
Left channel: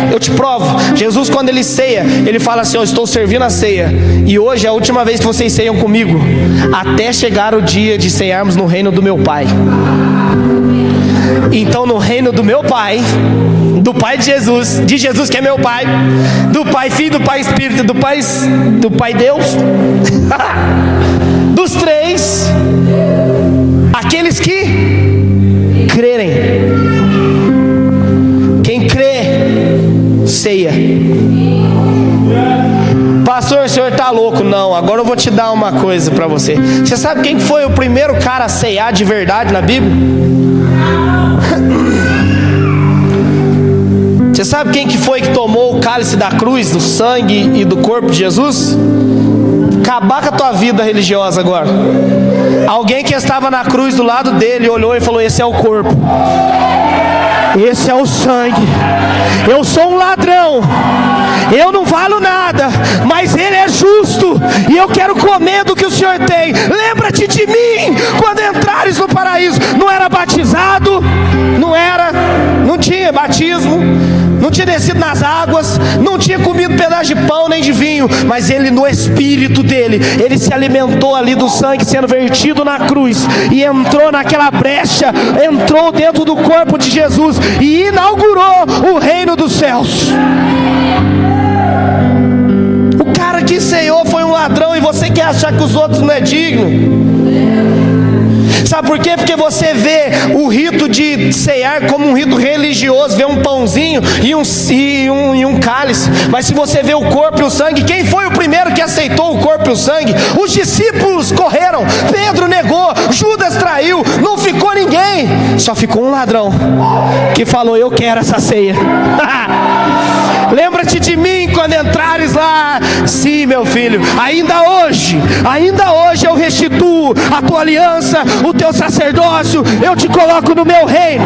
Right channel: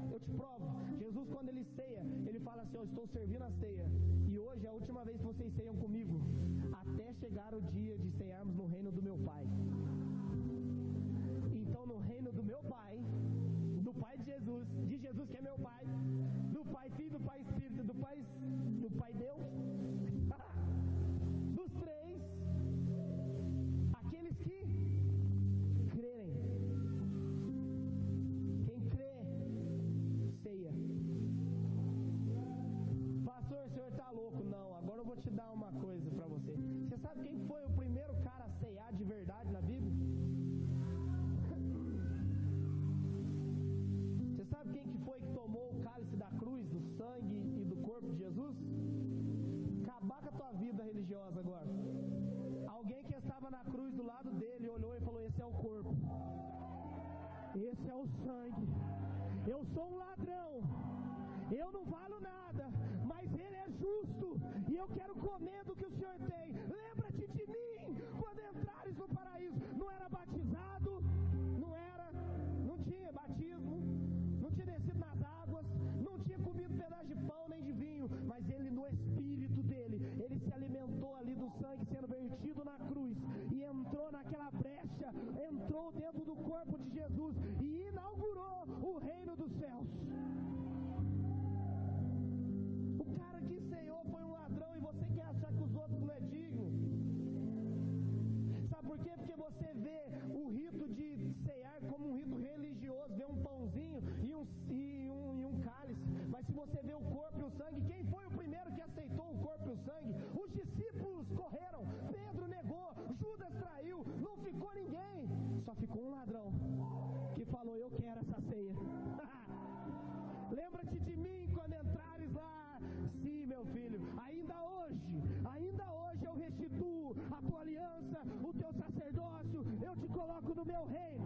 Eu te provo. Jesus, quando ele ceia, ele fala assim: eu estou servindo a ceia, e hoje é a última vez que vocês ceiam comigo, até chegar o dia de ceiarmos no reino do meu Pai. Então no reino do meu Pai, do Pai de Jesus que é meu Pai, do Pai Filho, do Pai Espírito, do Pai Deus, dos três, aqueles que crerem, quem crê, ceia. Pastor, o senhor está louco? Não, agora eu vou te dar uma coisa para você. Você sabe quem foi o primeiro cara a ceiar de verdade na Bíblia? Você sabe quem que foi que tomou o cálice da cruz, do sangue e do corpo de Jesus? Acabar com a tua vida religiosa agora. Alguém que estava na cruz do lado dele olhou e falou: esse é o corpo, esse é o sangue. Eu sou um ladrão, eu não valo nada, mas ele é justo, e eu quero comer do que o Senhor tem. Lembra-te de mim quando entrares no paraíso. Não era batizado, não tinha batismo, não tinha descido nas águas, não tinha comido pedaço de pão nem de vinho, mas ele, no espírito dele, ele se alimentou ali do sangue sendo vertido na cruz, e entrou naquela brecha, entrou dentro do corpo de Jesus e inaugurou o reino dos céus. O cara que ceiou foi um ladrão, e você quer achar que os outros não é digno? Sabe por quê? Porque você vê o rito de ceiar como um rito religioso, vê um pãozinho e um cálice. Mas se você vê o corpo e o sangue, quem foi o primeiro que aceitou o corpo e o sangue? Os discípulos correram, Pedro negou, Judas traiu, não ficou ninguém, só ficou um ladrão que falou: eu quero essa ceia. Lembra-te de mim quando entrares lá. Sim, meu filho, ainda hoje eu restituo a tua aliança, o teu sacerdócio, eu te coloco no meu reino.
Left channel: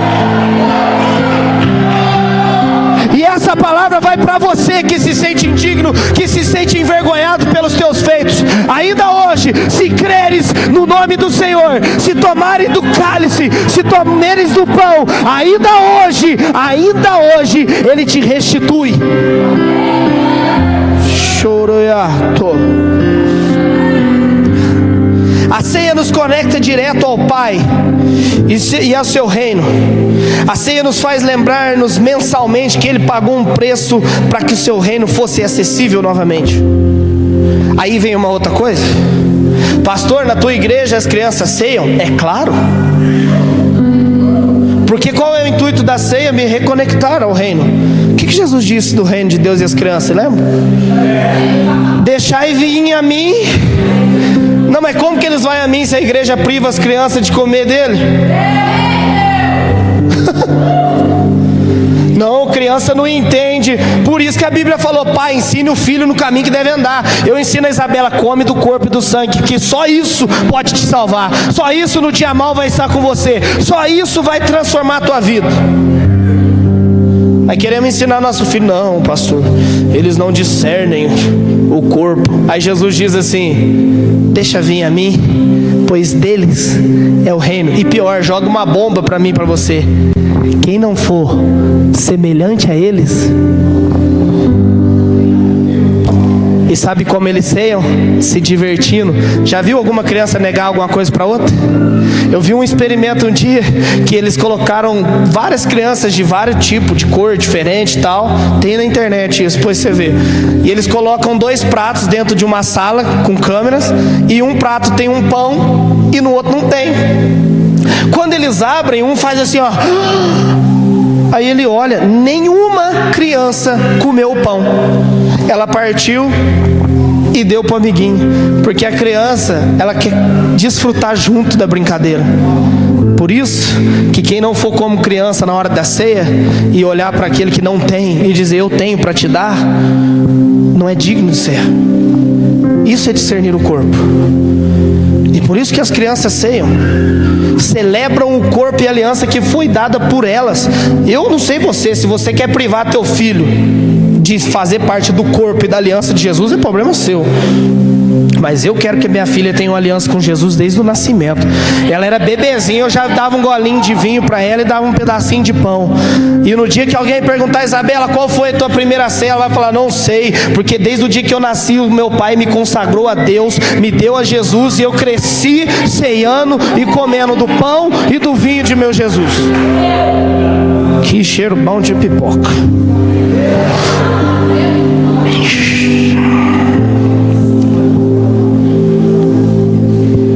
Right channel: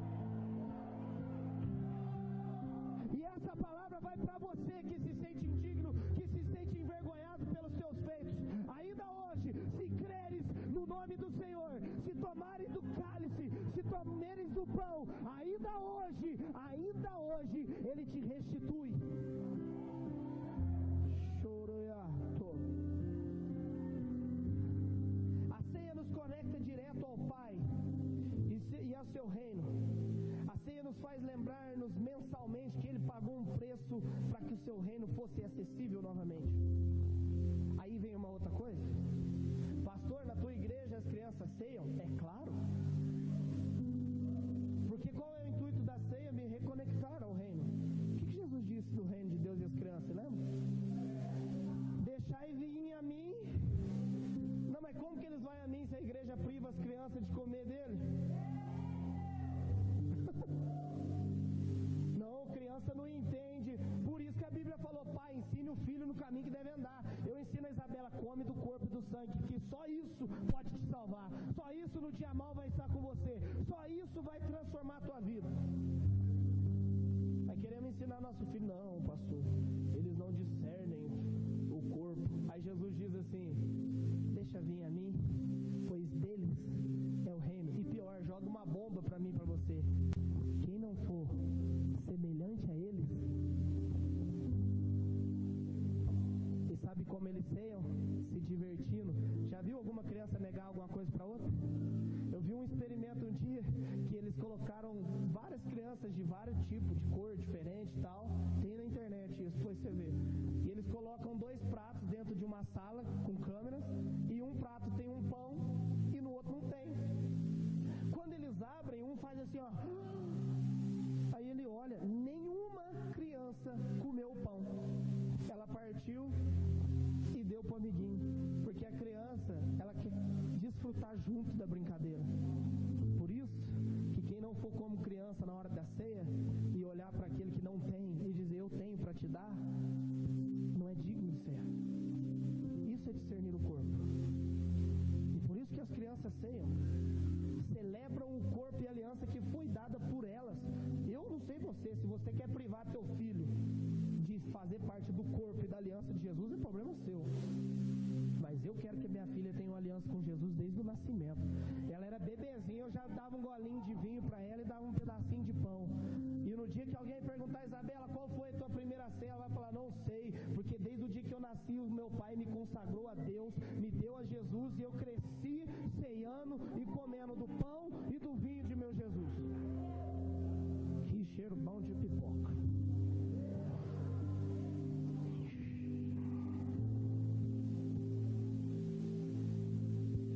E essa palavra vai para você que se sente indigno, que se sente envergonhado pelos teus feitos. Ainda hoje, se creres no nome do Senhor, se tomares do cálice, se comeres do pão, ainda hoje, Ele te restitui. Choroiato. A ceia nos conecta direto ao Pai e ao seu reino. A ceia nos faz lembrar-nos mensalmente que Ele pagou um preço para que o seu reino fosse acessível novamente. Aí vem uma outra coisa: pastor, na tua igreja as crianças ceiam? É claro, porque qual é o intuito da ceia? Me reconectar ao reino. O que Jesus disse do reino de Deus e as crianças, lembra? Deixai vir a mim. Não, mas como que eles vão a mim se a igreja priva as crianças de comer dele? Não, criança não entende. Por isso que a Bíblia falou: pai, ensine o filho no caminho que deve andar. Eu ensino a Isabela: come do corpo e do sangue, que só isso pode te salvar. Só isso no dia mal vai estar com você. Só isso vai transformar a tua vida. Aí queremos ensinar nosso filho: não, pastor, eles não discernem o corpo. Aí Jesus diz assim: deixa vir a mim, pois deles é o reino. E pior, joga uma bomba para mim e para você: quem não for semelhante a eles. E sabe como eles ceiam? Se divertindo. Já viu alguma criança negar alguma coisa para outra? Eu vi um experimento um dia que eles colocaram várias crianças de vários tipos, de cor diferente e tal. Tem na internet isso, depois você vê. E eles colocam 2 pratos dentro de uma sala com câmeras, e um prato tem um pão e no outro não tem. Quando eles abrem, um faz assim, ó. Aí ele olha, nenhuma criança comeu o pão. Ela partiu e deu para o amiguinho, porque a criança, ela quer desfrutar junto da brincadeira. Por isso que quem não for como criança na hora da ceia e olhar para aquele que não tem e dizer: eu tenho para te dar, não é digno de ser. Isso é discernir o corpo. E por isso que as crianças ceiam, celebram o corpo e a aliança que foi dada por elas. Eu não sei você, se você quer privar teu filho de fazer parte do corpo e da aliança de Jesus, é problema seu. Mas eu quero que minha filha tenha uma aliança com Jesus desde o nascimento. Ela era bebezinha, eu já dava um golinho de vinho para ela e dava um pedacinho de pão. E no dia que alguém perguntar, Isabela, qual foi a tua primeira ceia? Ela vai falar, não sei, porque desde o dia que eu nasci, o meu pai me consagrou a Deus, me deu a Jesus, e eu cresci ceiando e comendo do pão e do vinho de meu Jesus. Que cheiro bom de pipoca.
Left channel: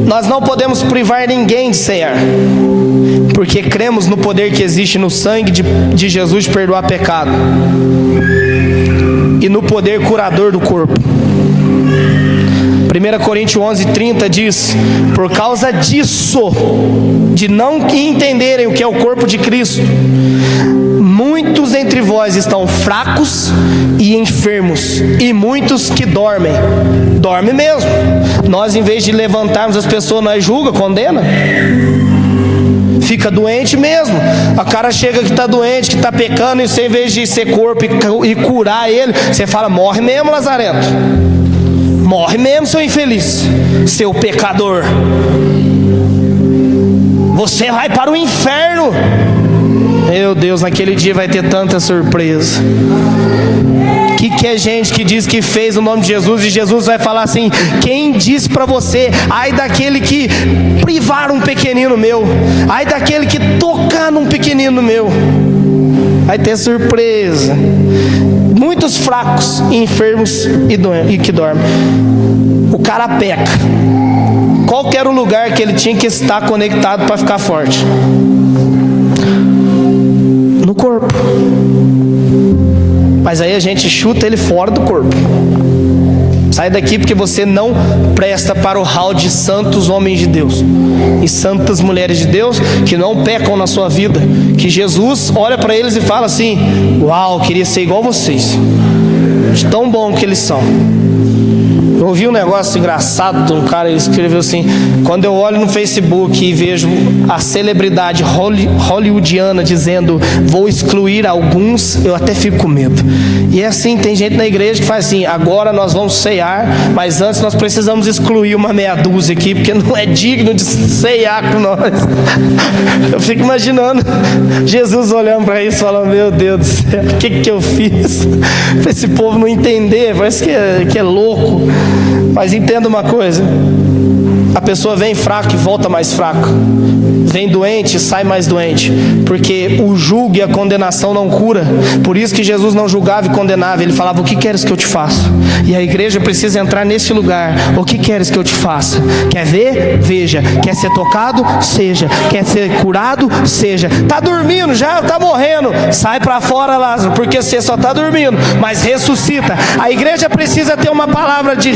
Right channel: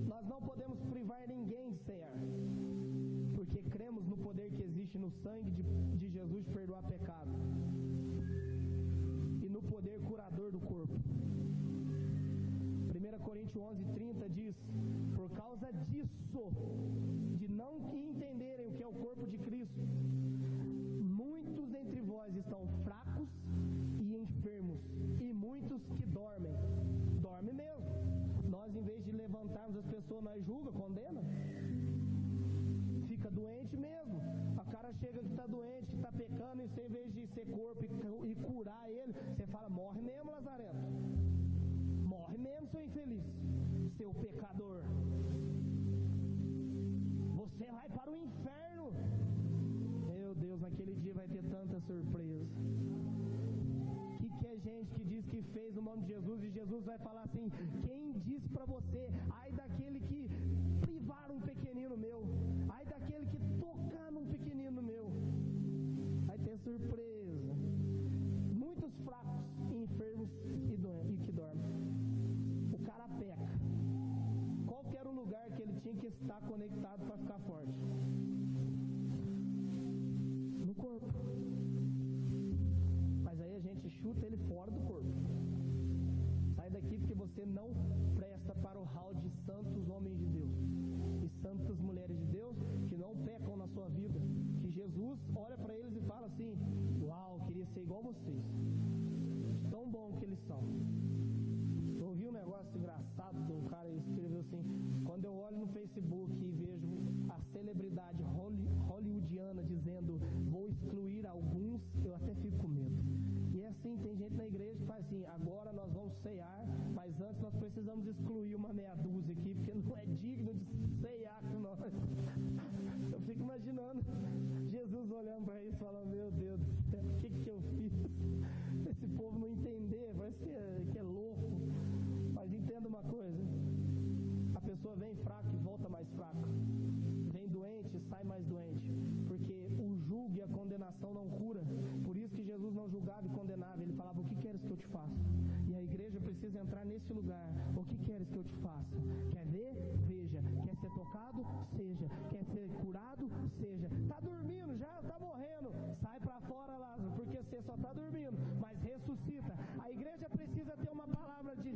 Nós não podemos privar ninguém de cear, porque cremos no poder que existe no sangue de Jesus de perdoar pecado e no poder curador do corpo. 1 Coríntios 11:30 diz: por causa disso, de não entenderem o que é o corpo de Cristo, muitos entre vós estão fracos e enfermos, e muitos que dormem. Dorme mesmo. Nós, em vez de levantarmos as pessoas, nós julga, condena. Fica doente mesmo. A cara chega que está doente, que está pecando, e você, em vez de ser corpo e curar ele, você fala, morre mesmo, Lazarento. Morre mesmo, seu infeliz, seu pecador. Você vai para o inferno. Meu Deus, naquele dia vai ter tanta surpresa. Que é gente que diz que fez o nome de Jesus, e Jesus vai falar assim, quem disse para você, ai daquele que privar um pequenino meu, ai daquele que tocar num pequenino meu. Vai ter surpresa. Muitos fracos, enfermos e que dormem. O cara peca. Qual que era o lugar que ele tinha que estar conectado para ficar forte? No corpo. Mas aí a gente chuta ele fora do corpo. Sai daqui porque você não presta para o hall de santos homens de Deus e santas mulheres de Deus que não pecam na sua vida, que Jesus olha para eles e fala assim, uau, queria ser igual vocês, de tão bom que eles são. Eu ouvi um negócio engraçado de um cara, ele escreveu assim, quando eu olho no Facebook e vejo a celebridade hollywoodiana dizendo, vou excluir alguns, eu até fico com medo. E é assim, tem gente na igreja que faz assim, agora nós vamos ceiar, mas antes nós precisamos excluir uma meia dúzia aqui, porque não é digno de ceiar com nós. Eu fico imaginando Jesus olhando para isso, falando, meu Deus do céu, o que eu fiz? Para esse povo não entender, parece que é louco. Mas entenda uma coisa, a pessoa vem fraca e volta mais fraca, vem doente e sai mais doente, porque o julgo e a condenação não cura. Por isso que Jesus não julgava e condenava, ele falava, o que queres que eu te faça? E a igreja precisa entrar nesse lugar, o que queres que eu te faça? Quer ver? Veja. Quer ser tocado? Seja. Quer ser curado? Seja. Está dormindo já, está morrendo, sai para fora, Lázaro, porque você só está dormindo, mas ressuscita. A igreja precisa ter uma palavra de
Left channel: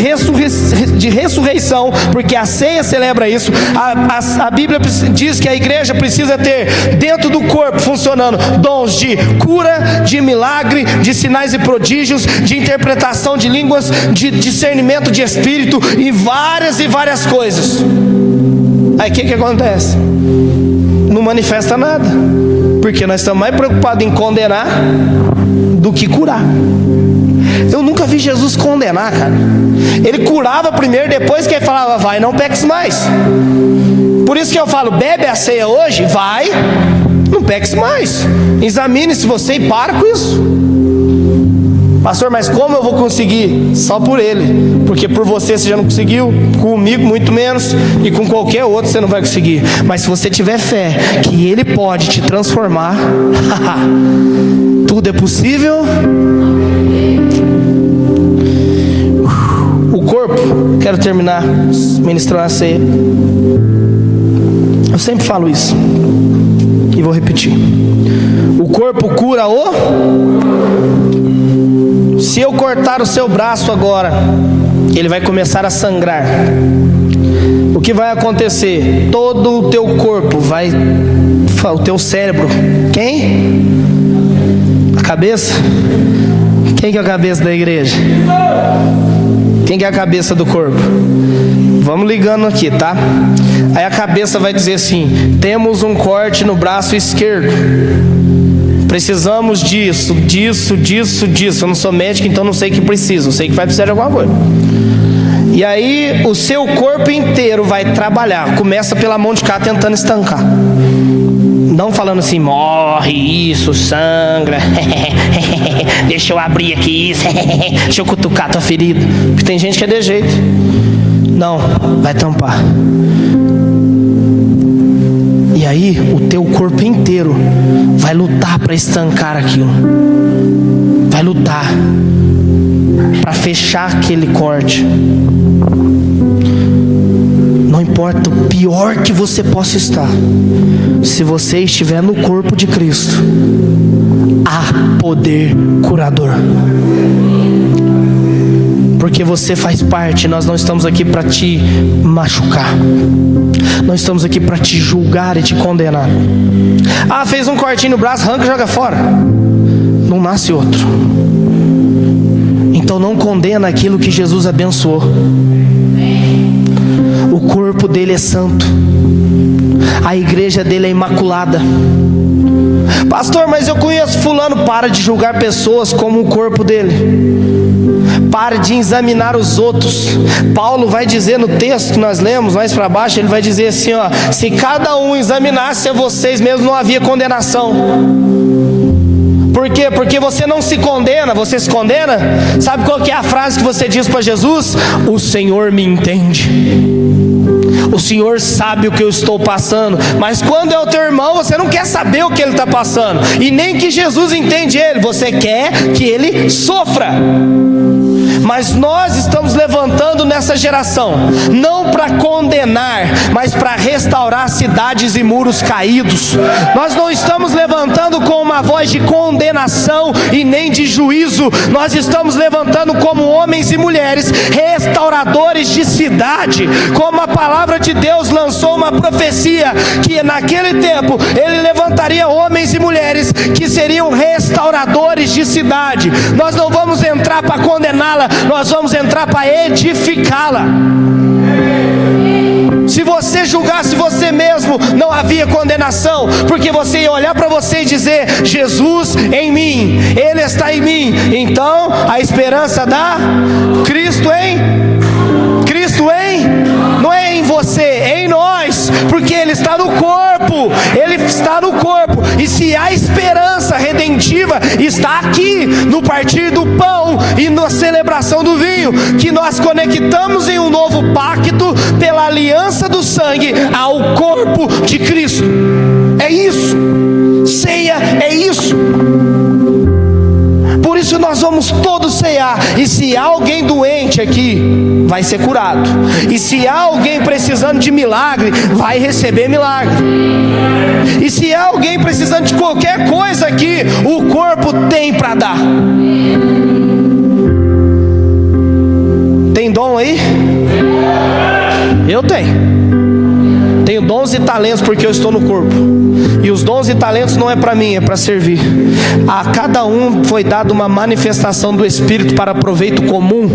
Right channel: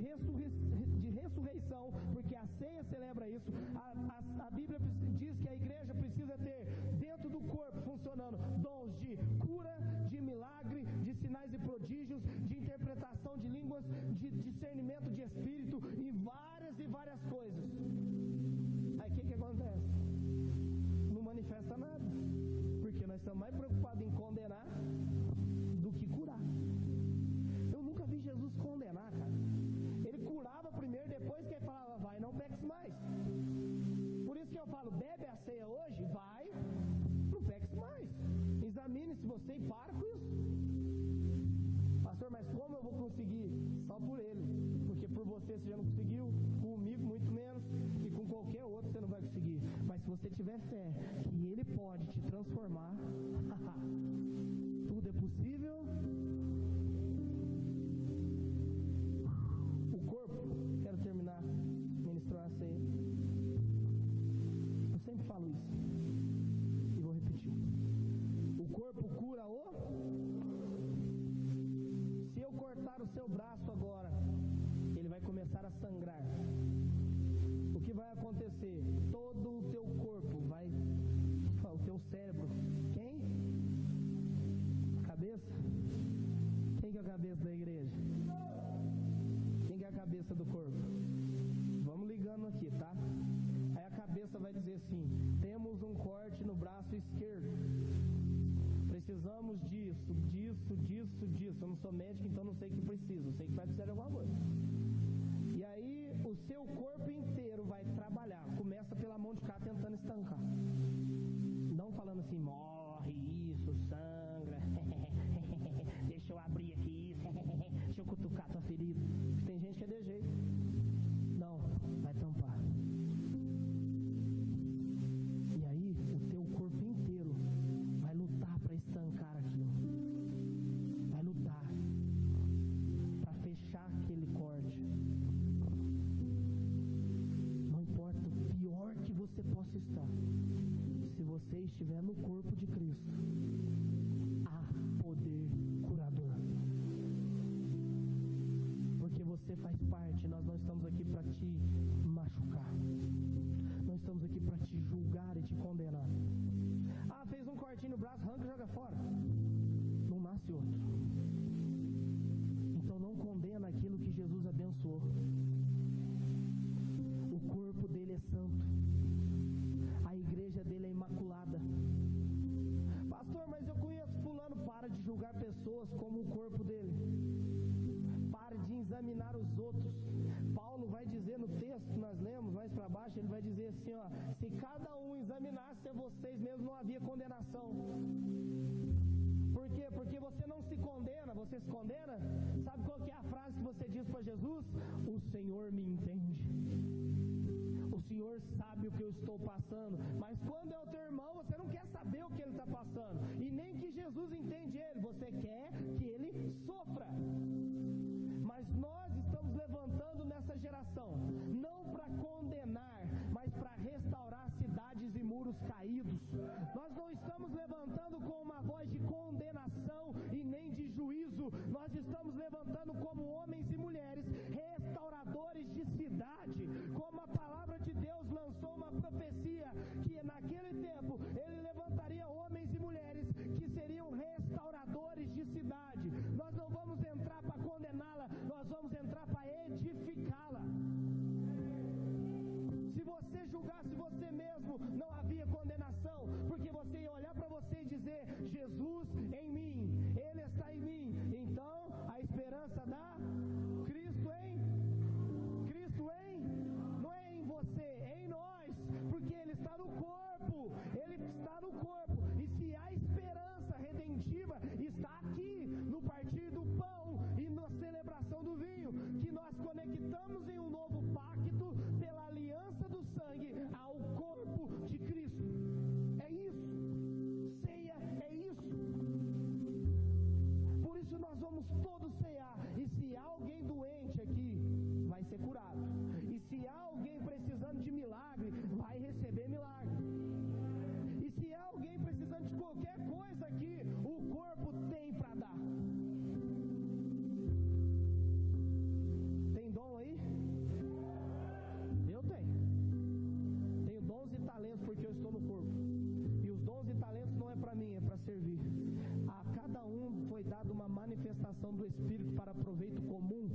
ressurreição, porque a ceia celebra isso. A Bíblia diz que a igreja precisa ter dentro do corpo funcionando dons de cura, de milagre, de sinais e prodígios, de interpretação de línguas, de discernimento de espírito e várias coisas. Aí o que acontece? Não manifesta nada, porque nós estamos mais preocupados em condenar do que curar. Eu nunca vi Jesus condenar, cara. Ele curava primeiro, depois que ele falava, vai, não peques mais. Por isso que eu falo, bebe a ceia hoje, vai, não peques mais. Examine-se você e para com isso. Pastor, mas como eu vou conseguir? Só por ele, porque por você já não conseguiu, comigo muito menos, e com qualquer outro você não vai conseguir. Mas se você tiver fé que ele pode te transformar, tudo é possível. O corpo, quero terminar ministrando a ceia. Eu sempre falo isso e vou repetir. O corpo cura Se eu cortar o seu braço agora, ele vai começar a sangrar. O que vai acontecer? Todo o teu corpo vai... O teu cérebro. Quem? A cabeça? Quem que é a cabeça da igreja? Quem que é a cabeça do corpo? Vamos ligando aqui, tá? Aí a cabeça vai dizer assim, temos um corte no braço esquerdo, precisamos disso. Eu não sou médico, então não sei o que precisa, eu sei que vai precisar de alguma coisa. E aí o seu corpo inteiro vai trabalhar. Começa pela mão de cá tentando estancar. Não falando assim, morre isso, sangra. Deixa eu abrir aqui isso. Deixa eu cutucar tua ferida. Porque tem gente que é de jeito. Não, vai tampar. E aí o teu corpo inteiro vai lutar para estancar aquilo. Vai lutar para fechar aquele corte. Não importa o pior que você possa estar, se você estiver no corpo de Cristo, há poder curador. Porque você faz parte. Nós não estamos aqui para te machucar. Nós estamos aqui para te julgar e te condenar. Ah, fez um cortinho no braço, arranca e joga fora. Não nasce outro. Então não condena aquilo que Jesus abençoou. O corpo dele é santo. A igreja dele é imaculada. Pastor, mas eu conheço fulano. Para de julgar pessoas como o corpo dele. Pare de examinar os outros. Paulo vai dizer no texto que nós lemos mais para baixo, ele vai dizer assim, ó: se cada um examinasse a vocês mesmos, não havia condenação. Por quê? Porque você não se condena, você se condena. Sabe qual que é a frase que você diz para Jesus? O Senhor me entende. O Senhor sabe o que eu estou passando. Mas quando é o teu irmão, você não quer saber o que ele está passando. E nem que Jesus entende ele. Você quer que ele sofra. Mas nós estamos levantando nessa geração, não para condenar, mas para restaurar cidades e muros caídos. Nós não estamos levantando com uma voz de condenação e nem de juízo. Nós estamos levantando como homens e mulheres restauradores de cidade. Como a palavra de Deus lançou uma profecia, que naquele tempo ele levantaria homens e mulheres que seriam restauradores de cidade. Nós não vamos entrar para condená-la, nós vamos entrar para edificá-la. Se você julgasse você mesmo, não havia condenação, porque você ia olhar para você e dizer: Jesus em mim, Ele está em mim. Então a esperança da Cristo não é em você, é em nós, porque Ele está no corpo. Ele está no corpo. E se a esperança redentiva está aqui, no partir do pão e na celebração do vinho, que nós conectamos em um novo pacto pela aliança do sangue ao corpo de Cristo. É isso. Ceia é isso. Por isso nós vamos todos ceiar. E se há alguém doente aqui, vai ser curado. E se há alguém precisando de milagre, vai receber milagre. E se há alguém precisando de qualquer coisa aqui, o corpo tem para dar. Tem dom aí? Eu tenho dons e talentos, porque eu estou no corpo. E os dons e talentos não é para mim, é para servir. A cada um foi dada uma manifestação do Espírito para proveito comum.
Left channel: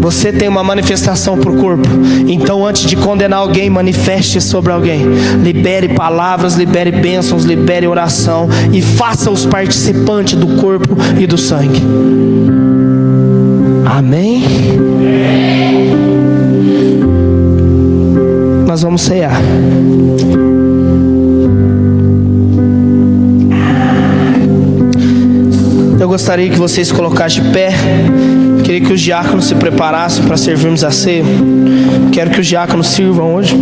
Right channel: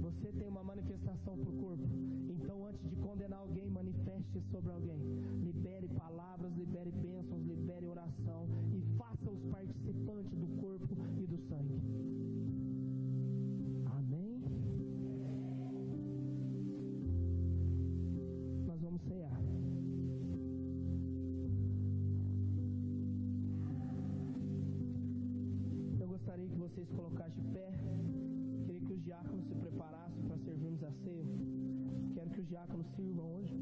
Você tem uma manifestação para o corpo. Então, antes de condenar alguém, manifeste sobre alguém. Libere palavras, libere bênçãos, libere oração. E faça-os participantes do corpo e do sangue. Amém? Nós vamos ceiar. Eu gostaria que vocês colocassem de pé. Queria que os diáconos se preparassem para servirmos a ceia. Quero que os diáconos sirvam hoje.